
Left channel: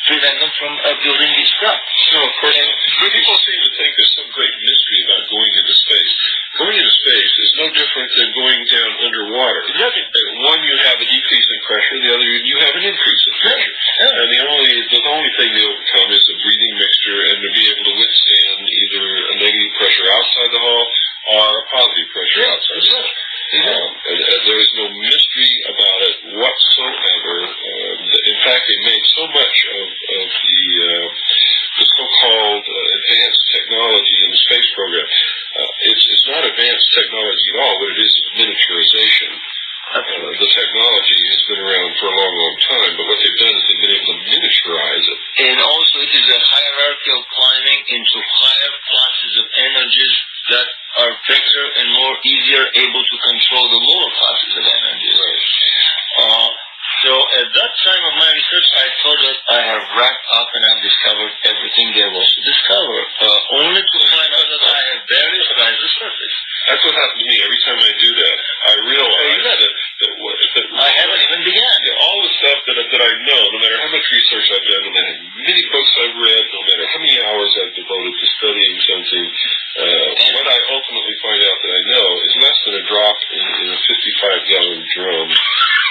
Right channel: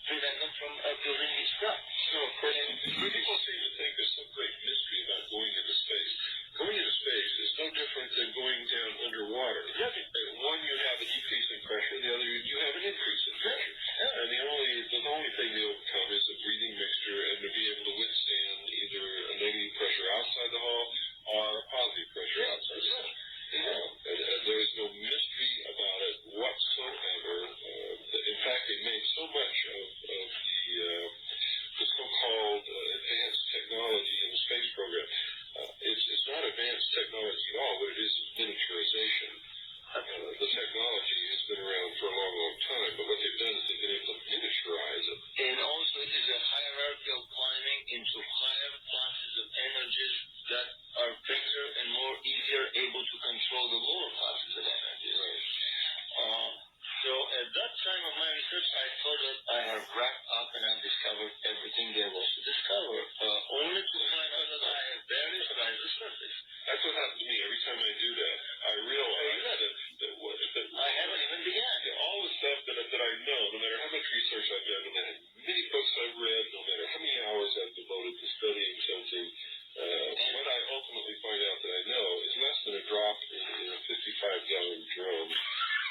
prevent them from building these craft. No, of course not. People seem to think there's some great mystery about going into space. Going into space is no different than going down underwater. Exactly. One, you have a decrease in pressure. The other, you have an increase in pressure. Yeah. And the only thing they overcome is a breathing mixture and to be able to withstand either a negative pressure outside the hull or a positive pressure outside the hull. There is no mystery about it whatsoever. In fact, they made so much of the so-called advanced technology in the space program. It's not advanced technology at all. What it is miniaturization. The technology has been around for a long, long time, but what they've done is they've been able to miniaturize it. And also it is a hierarchical climbing into higher classes of energies that are better and more easier able to control the lower classes of energies. Right. So at at that time of my research, I thought that I have wrapped up and I've discovered everything there was to discover, only to find out that I have barely scratched the surface. That's what happened to me. Every time I do that, I realize that I haven't even begun. All the stuff that I know, no matter how much research I've done, no matter how many books I've read, no matter how many hours I've devoted to studying something, what I ultimately find out that I know is less than a drop in a 55-gallon drum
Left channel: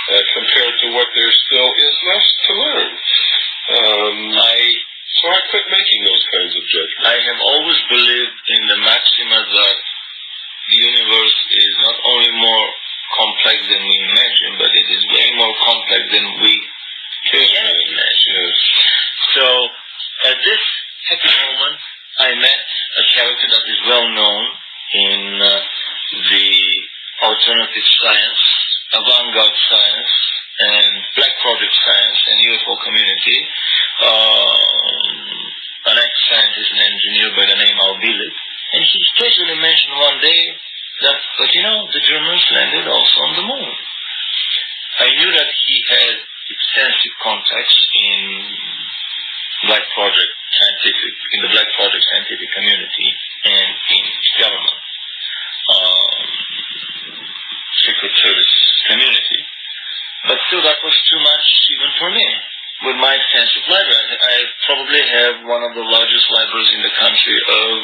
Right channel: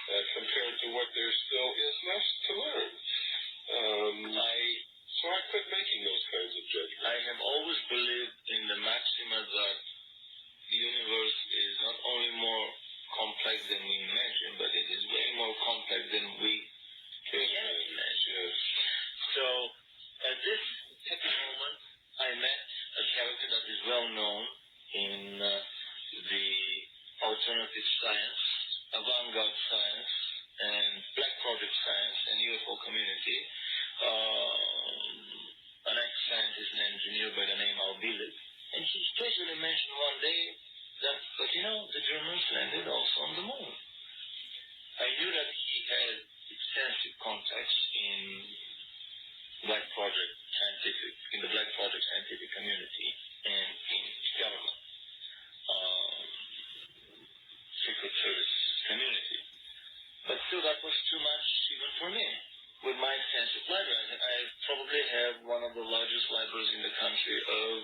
compared to what there still is left to learn. So I quit making those kinds of judgments. I have always believed in the maxima that the universe is not only more complex than we imagine, but it is way more complex than we can imagine. Yes. So at this happy moment, I met a character that is well known in the alternative science, avant-garde science, and black project science and UFO community, an ex-scientist and engineer by the name Albilit. And he casually mentioned one day that, but the Germans landed also on the moon. I knew that he had extensive contacts in the Black Project scientific community and in government, Secret Service community. But still, that was too much even for me. With my extensive library, I probably have one of the largest libraries in the country of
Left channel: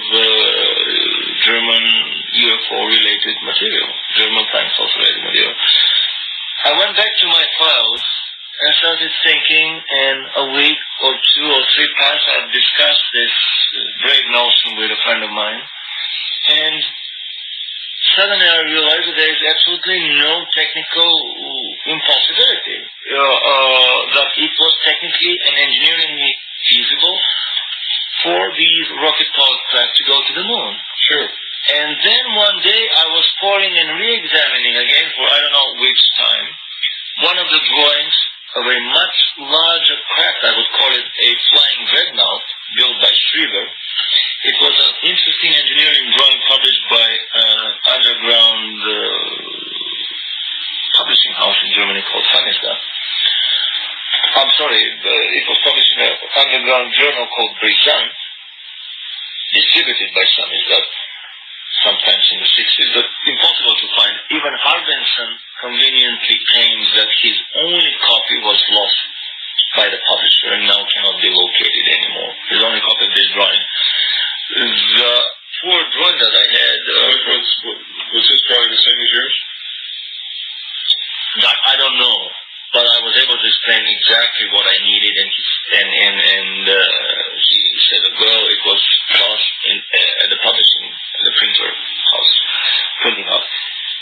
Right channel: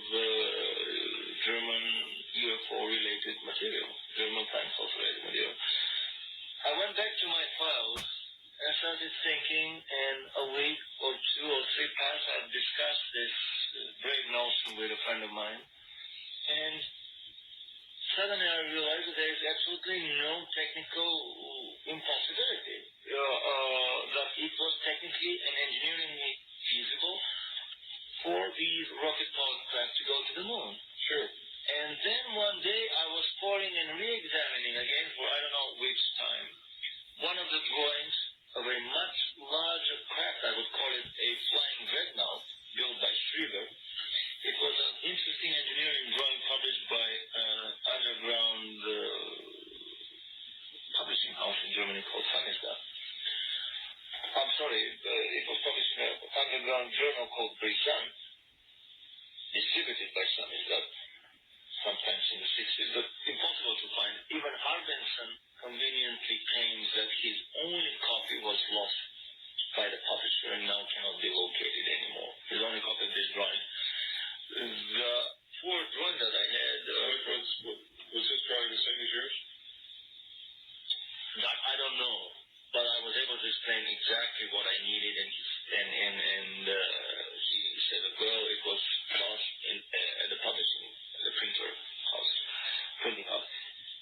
German UFO-related material, German time related material. I went back to my files and started thinking, and a week or 2 or 3 passed. I've discussed this brave notion with a friend of mine, and suddenly I realized that there is absolutely no technical impossibility, that it was technically and engineeringly feasible for these rocket-powered craft to go to the moon. Sure. And then one day I was pouring and re-examining again for I don't know which time, one of the drawings of a much larger craft. I would call it a flying dreadnought built by Schriever. It was an interesting engineering drawing published by an underground publishing house in Germany called Samizdat. I'm sorry, it was published in an underground journal called Brisant, distributed by Samizdat, sometimes in the 60s, but impossible to find. Even Harbinson conveniently claims that his only copy was lost by the publisher and now cannot be located anymore. His only copy of this drawing. The poor drawing that I had... was his drawing the same as yours? That I don't know, but I was able to explain exactly what I needed, and he said, well, it was lost at the printing house.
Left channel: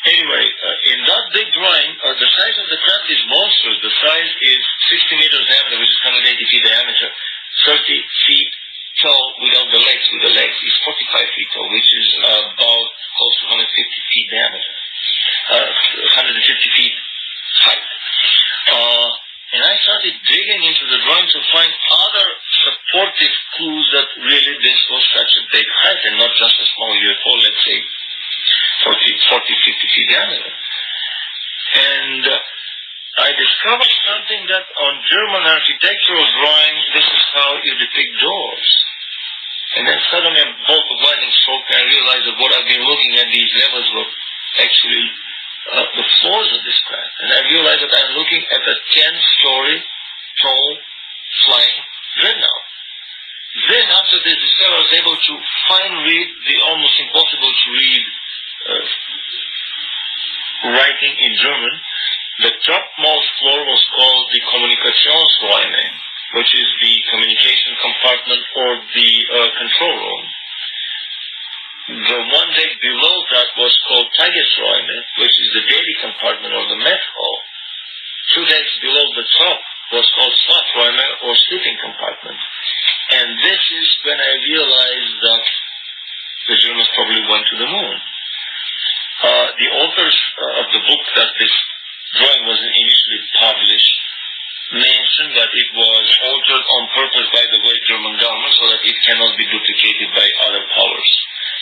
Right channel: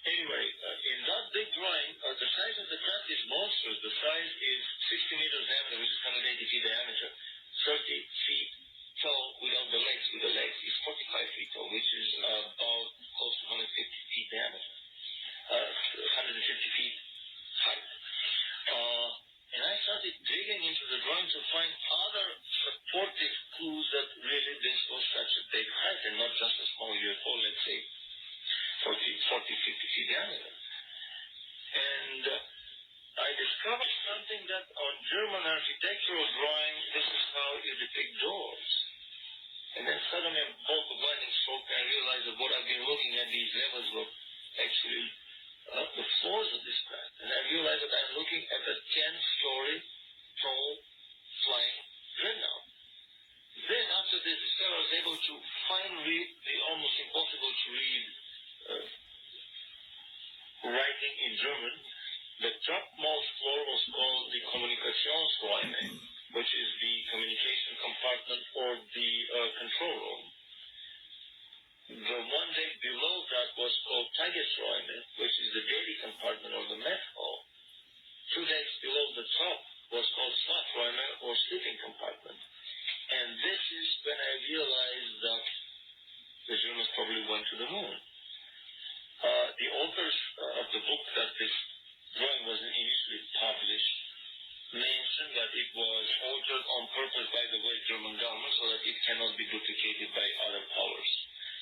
Anyway, in that big drawing, the size of the craft is monstrous. The size is 60 meters diameter, which is 180 feet diameter, 30 feet tall without the legs. With the legs is 45 feet tall, which is about close to 150 feet diameter, 150 feet height. And I started digging into the drawing to find other supportive clues that really this was such a big height and not just a small UFO, let's say 40, 50 feet diameter. And I discovered something that on German architectural drawing, this is how you depict doors. And then suddenly a bolt of lightning struck and I realized that what I've been looking at, these levels were actually the floors of this craft. And I realized that I'm looking at a 10-story tall flying dreadnought. Then after this discovery, I was able to fine read the almost impossible to read writing in German. The topmost floor was called the Kommunikationsräume, which is the communication compartment or the control room. The one deck below that was called Tagesräume, which is the daily compartment or the mess hall. 2 decks below the top was called Schlafräume or sleeping compartment. And this is when I realized that the Germans probably went to the moon. The authors of the book that this drawing was initially published mentioned that it was altered on purpose by the West German government so that it cannot be duplicated by other powers.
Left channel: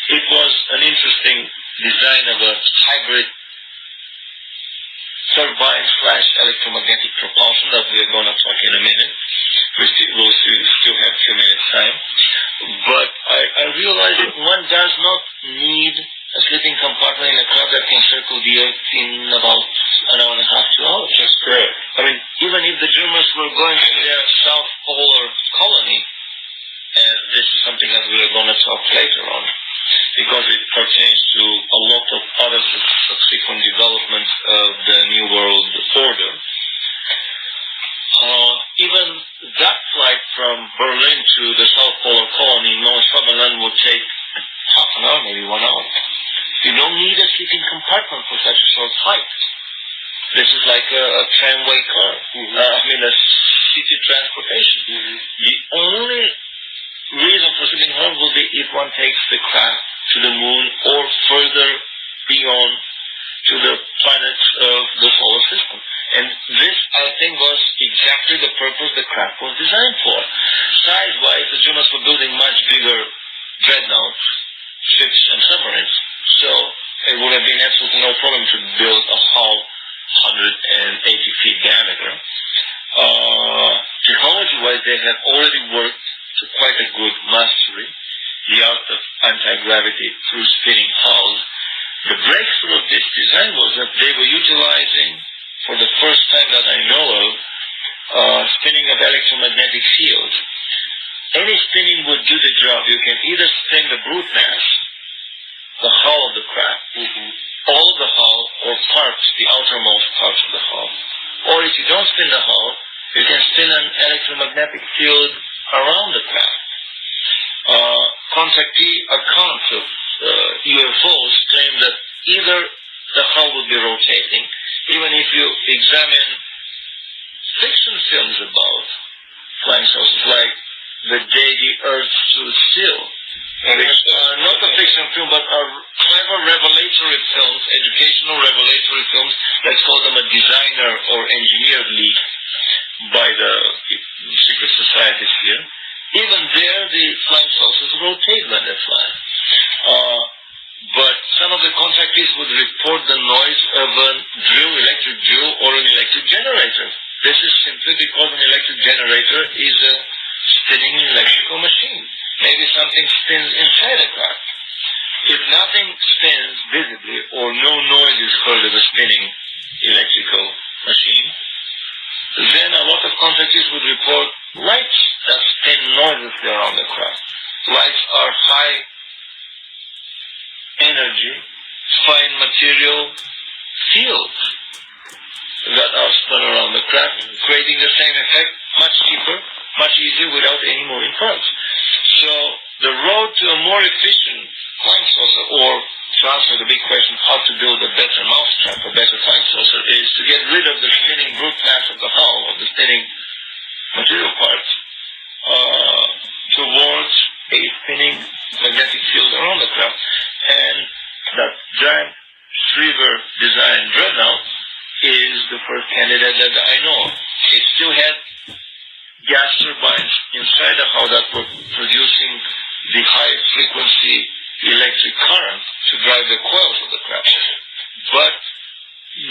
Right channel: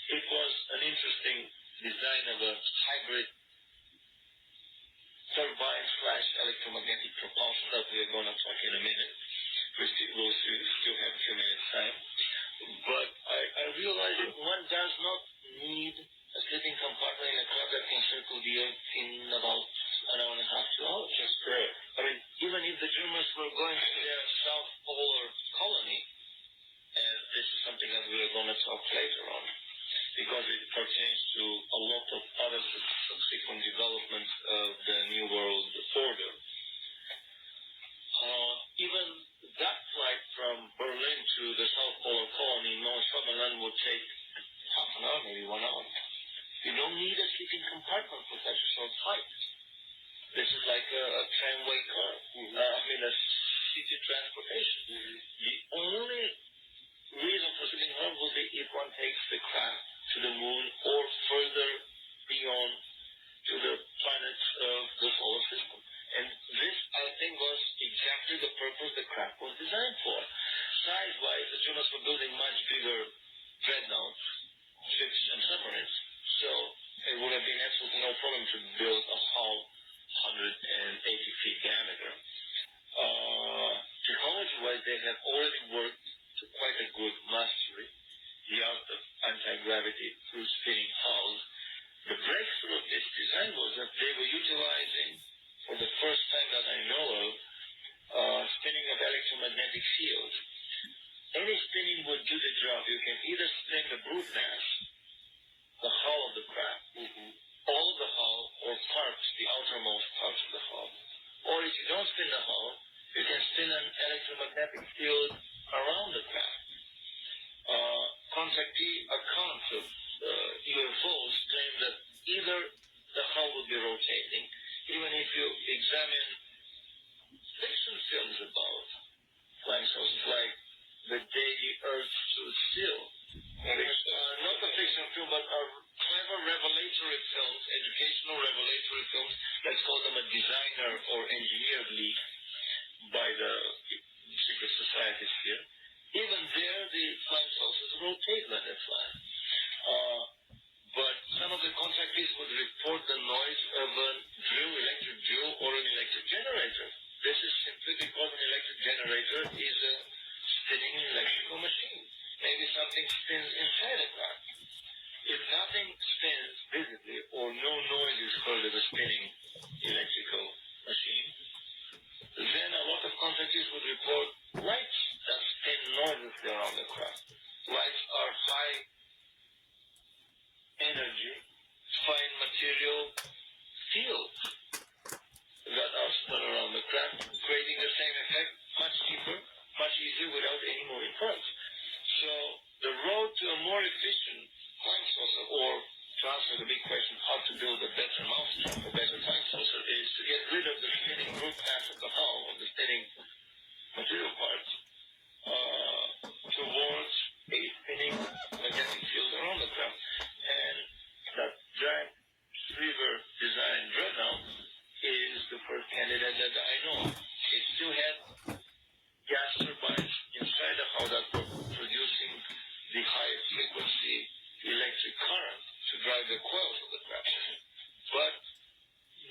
It was an interesting design of a hybrid turbine/electromagnetic propulsion that we are going to talk in a minute. We'll still have a few minutes time. But I realized that one does not need a sleeping compartment in a craft that can circle the Earth in about an hour and a half, 2 hours. That's correct. I mean, even if the Germans were going to their South Polar colony, and this is something that we are going to talk later on, because it pertains to a lot of other subsequent developments of the New World Order. Even that flight from Berlin to the South Polar colony in Nordschwabenland would take half an hour, maybe 1 hour. You don't need a sleeping compartment for such a short flight. This is like a tramway car. A city transportation. The only reason for sleeping home will be if one takes the craft to the moon or further beyond to the planets of the solar system. And this, I think, was exactly the purpose the craft was designed for. Size-wise, the Germans were building much bigger dreadnoughts, ships, and submarines. So it would have been absolutely no problem to build a hull 180 feet diameter. Technology-wise, they have already worked to quite a good mastery the art of anti-gravity through spinning hulls. The breakthrough of this design was that they were utilizing, for the first time that I know of, spinning of electromagnetic fields. Any spinning would do the job. You can either spin the brute mass, the hull of the craft, all of the hull, or parts, the outermost parts of the hull. Or if you don't spin the hull, you can spin an electromagnetic field around the craft. Contactee accounts of UFOs claim that either the hull would be rotating, even if you examine fiction films about flying saucers, like The Day the Earth Stood Still, which are not a fiction film, but are clever revelatory films, educational revelatory films. Let's call them a designer or engineered leak by the secret societies here. Even there, the flying saucers rotate when they fly. But some of the contactees would report the noise of a electric drill, or an electric generator. This is simply because an electric generator is a spinning electrical machine. Maybe something spins inside a craft. If nothing spins visibly, or no noise is heard of a spinning electrical machine, then a lot of contactees would report lights that spin noiselessly around the craft. Lights are high energy, fine material fields that are spun around the craft, creating the same effect, much cheaper, much easier, without any moving parts. So the road to a more efficient flying saucer, or to answer the big question, how to build a better mousetrap, a better flying saucer, is to get rid of the spinning brute mass of the hull, of the spinning material parts, towards a spinning magnetic field around the craft. And that giant Shriver design dreadnought is the first candidate that I know of. It still had gas turbines inside the hull that were producing the high frequency electric current to drive the coils of the craft. But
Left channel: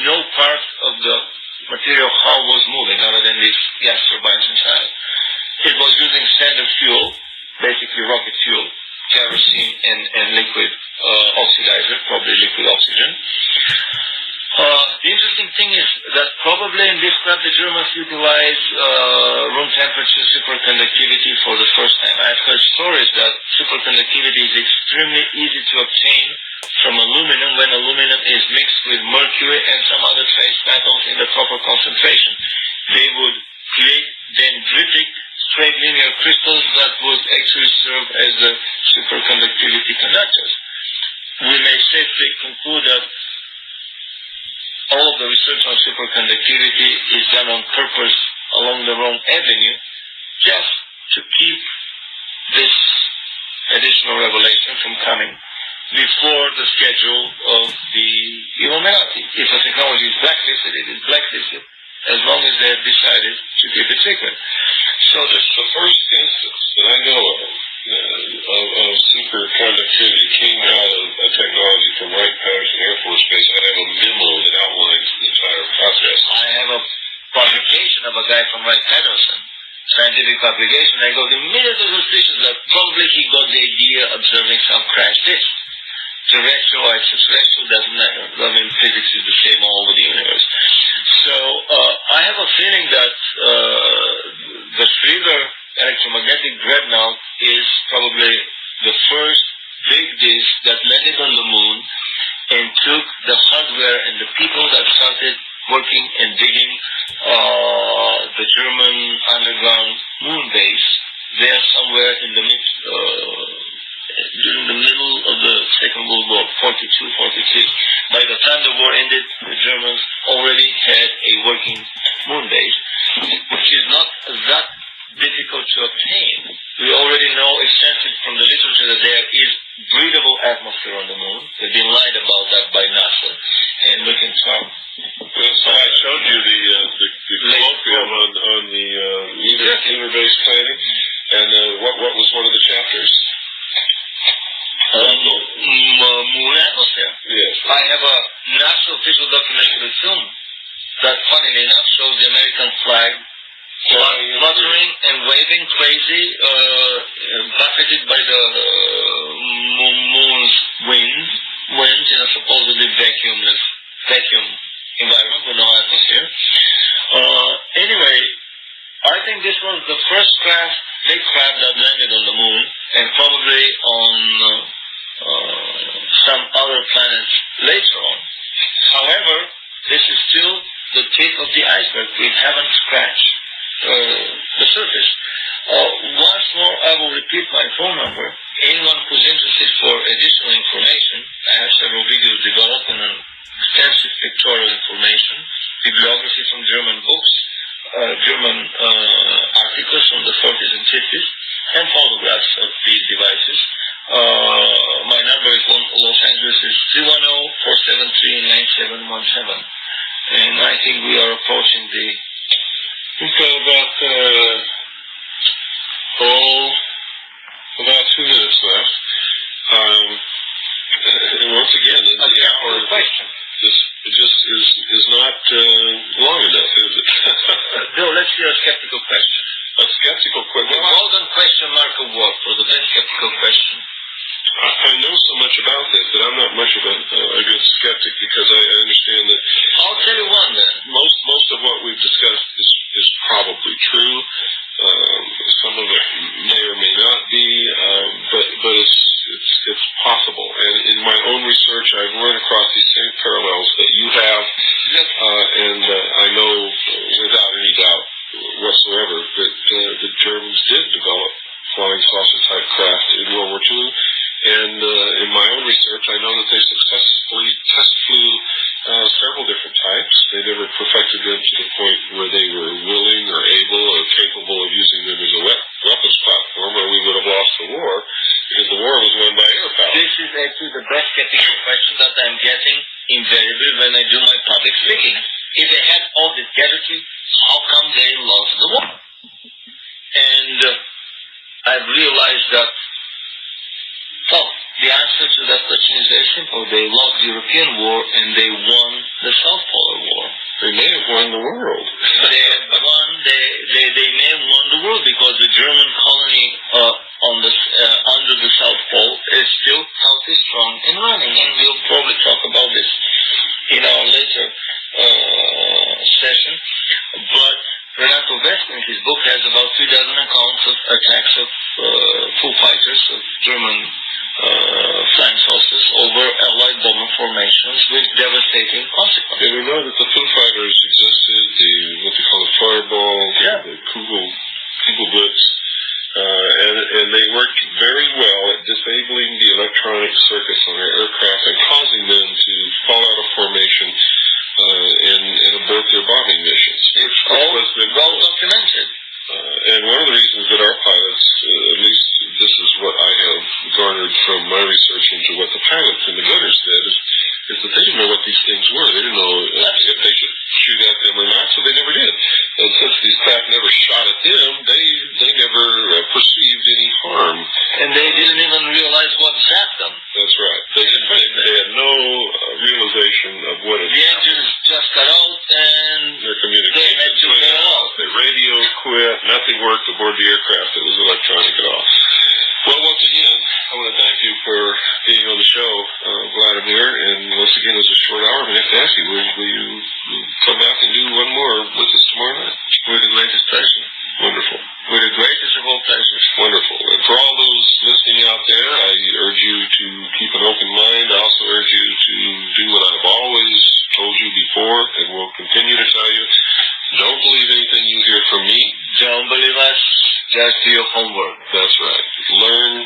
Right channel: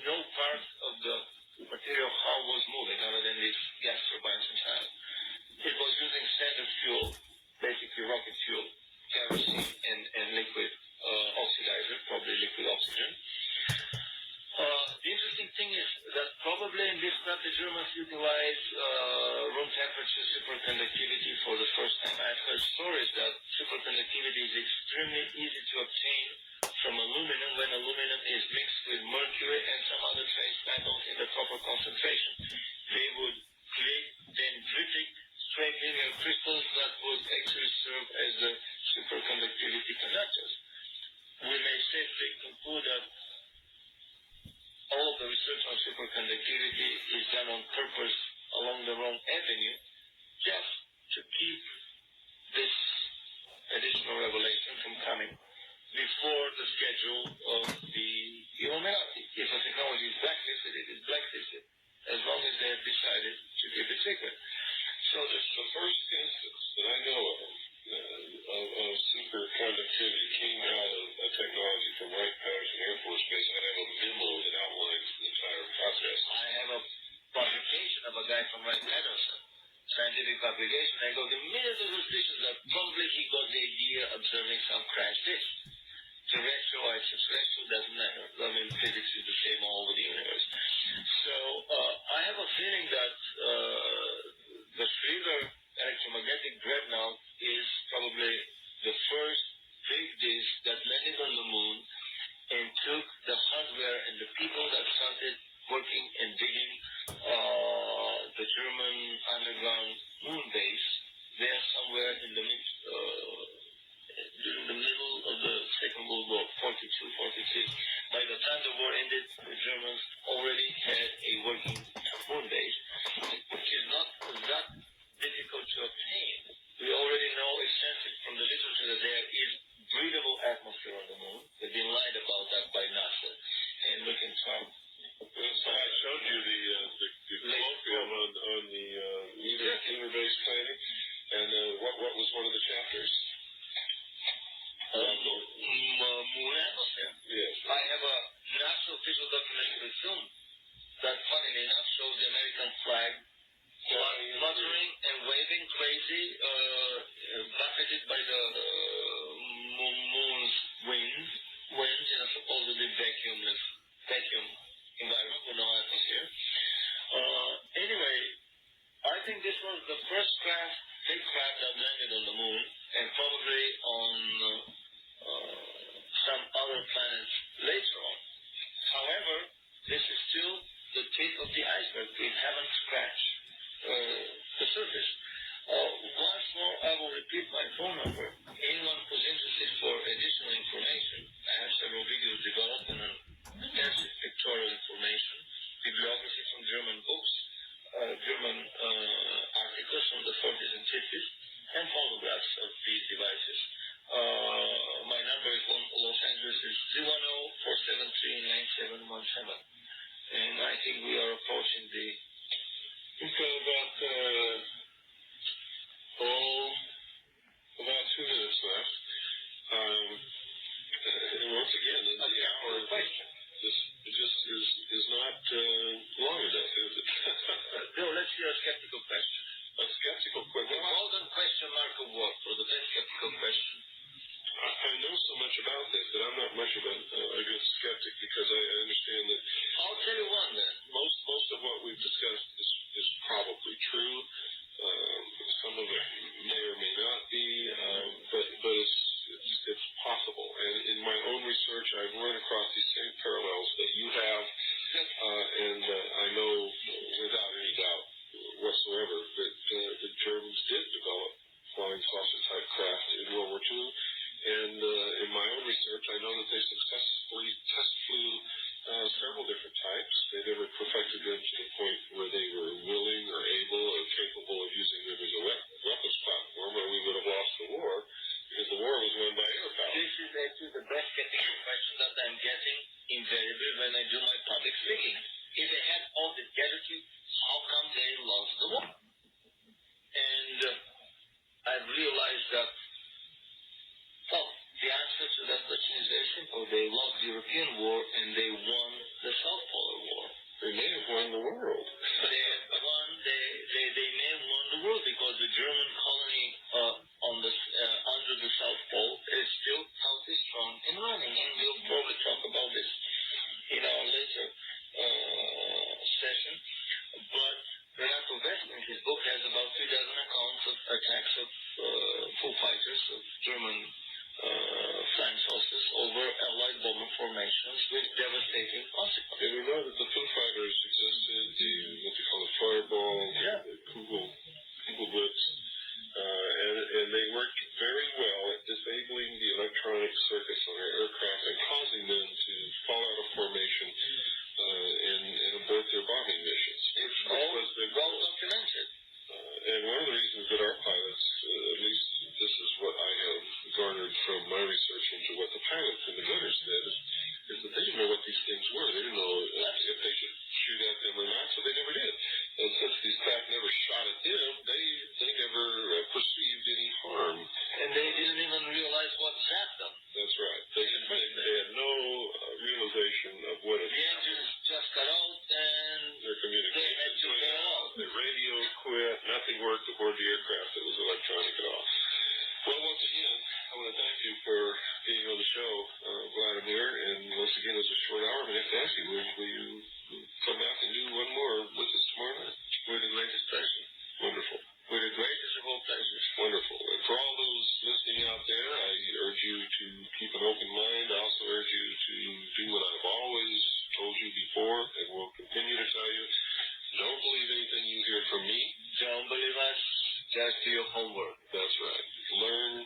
no part of the material hull was moving other than these gas turbines inside. It was using standard fuel, basically rocket fuel, kerosene and liquid oxidizer, probably liquid oxygen. The interesting thing is that probably in this craft the Germans utilize room temperature superconductivity for the first time. I've heard stories that superconductivity is extremely easy to obtain from aluminum when aluminum is mixed with mercury and some other trace metals in the proper concentration. They would create dendritic straight linear crystals that would actually serve as the superconductivity conductors. We may safely conclude that all of the research on superconductivity is done on purpose along the wrong avenue, just to keep this additional revelation from coming before the schedule of the Illuminati. If a technology is blacklisted, it is blacklisted as long as they have decided to keep it secret. So this is the first instance that I know of superconductivity came out of a technology from Wright Patterson Air Force Base. I have a memo that outlines the entire process. Wright Patterson, scientific publication, I got immediately suspicious that probably he got the idea observing some crash disk. Terrestrial, extraterrestrial, doesn't matter. I mean, physics is the same all over the universe. So I have a feeling that the Schroeder electromagnetic dreadnought is probably the first big disk that landed on the moon and took the hardware and the people that started working and digging the German underground moon base there somewhere in the during the middle of the Second World War, 42, 43. By the time the war ended, the Germans already had a working moon base, which is not that difficult to obtain. We already know extensively from the literature that there is breathable atmosphere on the moon. We've been lied about that by NASA, and we can talk. Well, so I showed you the colloquium on the lunar base planning, and what was one of the chapters? Moon atmosphere. Yes. I have a NASA official documentary film that, funnily enough, shows the American flag fluttering and waving crazy, buffeted by the moon's winds in a supposedly vacuum environment with no atmosphere. Anyway, I think this was the first big craft that landed on the moon, and probably on some other planets later on. However, this is still the tip of the iceberg. We haven't scratched the surface. Once more, I will repeat my phone number. Anyone who's interested for additional information, I have several videos developed and extensive pictorial information, bibliography from German books, German articles from the 40s and 50s, and photographs of these devices. My number is Los Angeles is 310-473-9717. And I think we are approaching we've got about 2 minutes left. And once again, the hour just is not long enough, is it? Bill, let's hear a skeptical question. A skeptical question. The golden question mark award for the best skeptical question. I know so much about this that I'm not much of a good skeptic, because I understand that. I'll tell you one then. Most of what we've discussed is probably true. Some of it may or may not be, but it's possible. And in my own research, I've run across these same parallels that you have, and I know without any doubt whatsoever that the Germans did develop flying saucer type craft in World War II. And in my own research, I know that they successfully test flew several different types. They never perfected them to the point where they were willing or able or capable of using them as a weapons platform, or we would have lost the war, because the war was won by air power. This is actually the best skeptical question that I'm getting invariably when I do my public speaking. If they had all this gadgetry, how come they lost the war? And I've realized that, well, the answer to that question is very simple. They lost the European War and they won the South Polar War. They may have won the world. They may have won the world, because the German colony under the South Pole is still healthy, strong, and running. And we'll probably talk about this in our later session. But Renato Westner, in his book, has about 3 dozen accounts of attacks of full fighters, of German flying saucers, over Allied bomber formations with devastating consequences. Yeah, we know that the Foo Fighters existed, what they call the Fireball, the Kugelblitz, and they worked very well at disabling the electronic circuits on their aircraft and causing them to fall out of formation and abort their bombing missions. It's all well documented. And one of the reasons that our pilots, at least this is what I have garnered from my research into what the pilots and the gunners said, is that they didn't know what these things were. They didn't know if they should shoot at them or not, so they never did. And since these craft never shot at them, they never perceived any harm. And they didn't even realize what zapped them. That's right. They had no realization of what it was. The engines just cut out, and their communications they had to went bail out. out. Their radios quit. Nothing worked aboard the aircraft that was electronic at all. Well, once again, I want to thank you for being on the show, Vladimir. And once again, it was a short hour. I'm going to have to ask you, will you come back and do one more with us tomorrow night? With the greatest pleasure. Wonderful. With the greatest of all pleasures. Wonderful. And for all those listening out there, I urge you to keep an open mind. I also urge you to do what I've always told you before and will continue to tell you. Don't believe anything you hear from me. Don't believe us. Just do your homework. That's right. Learn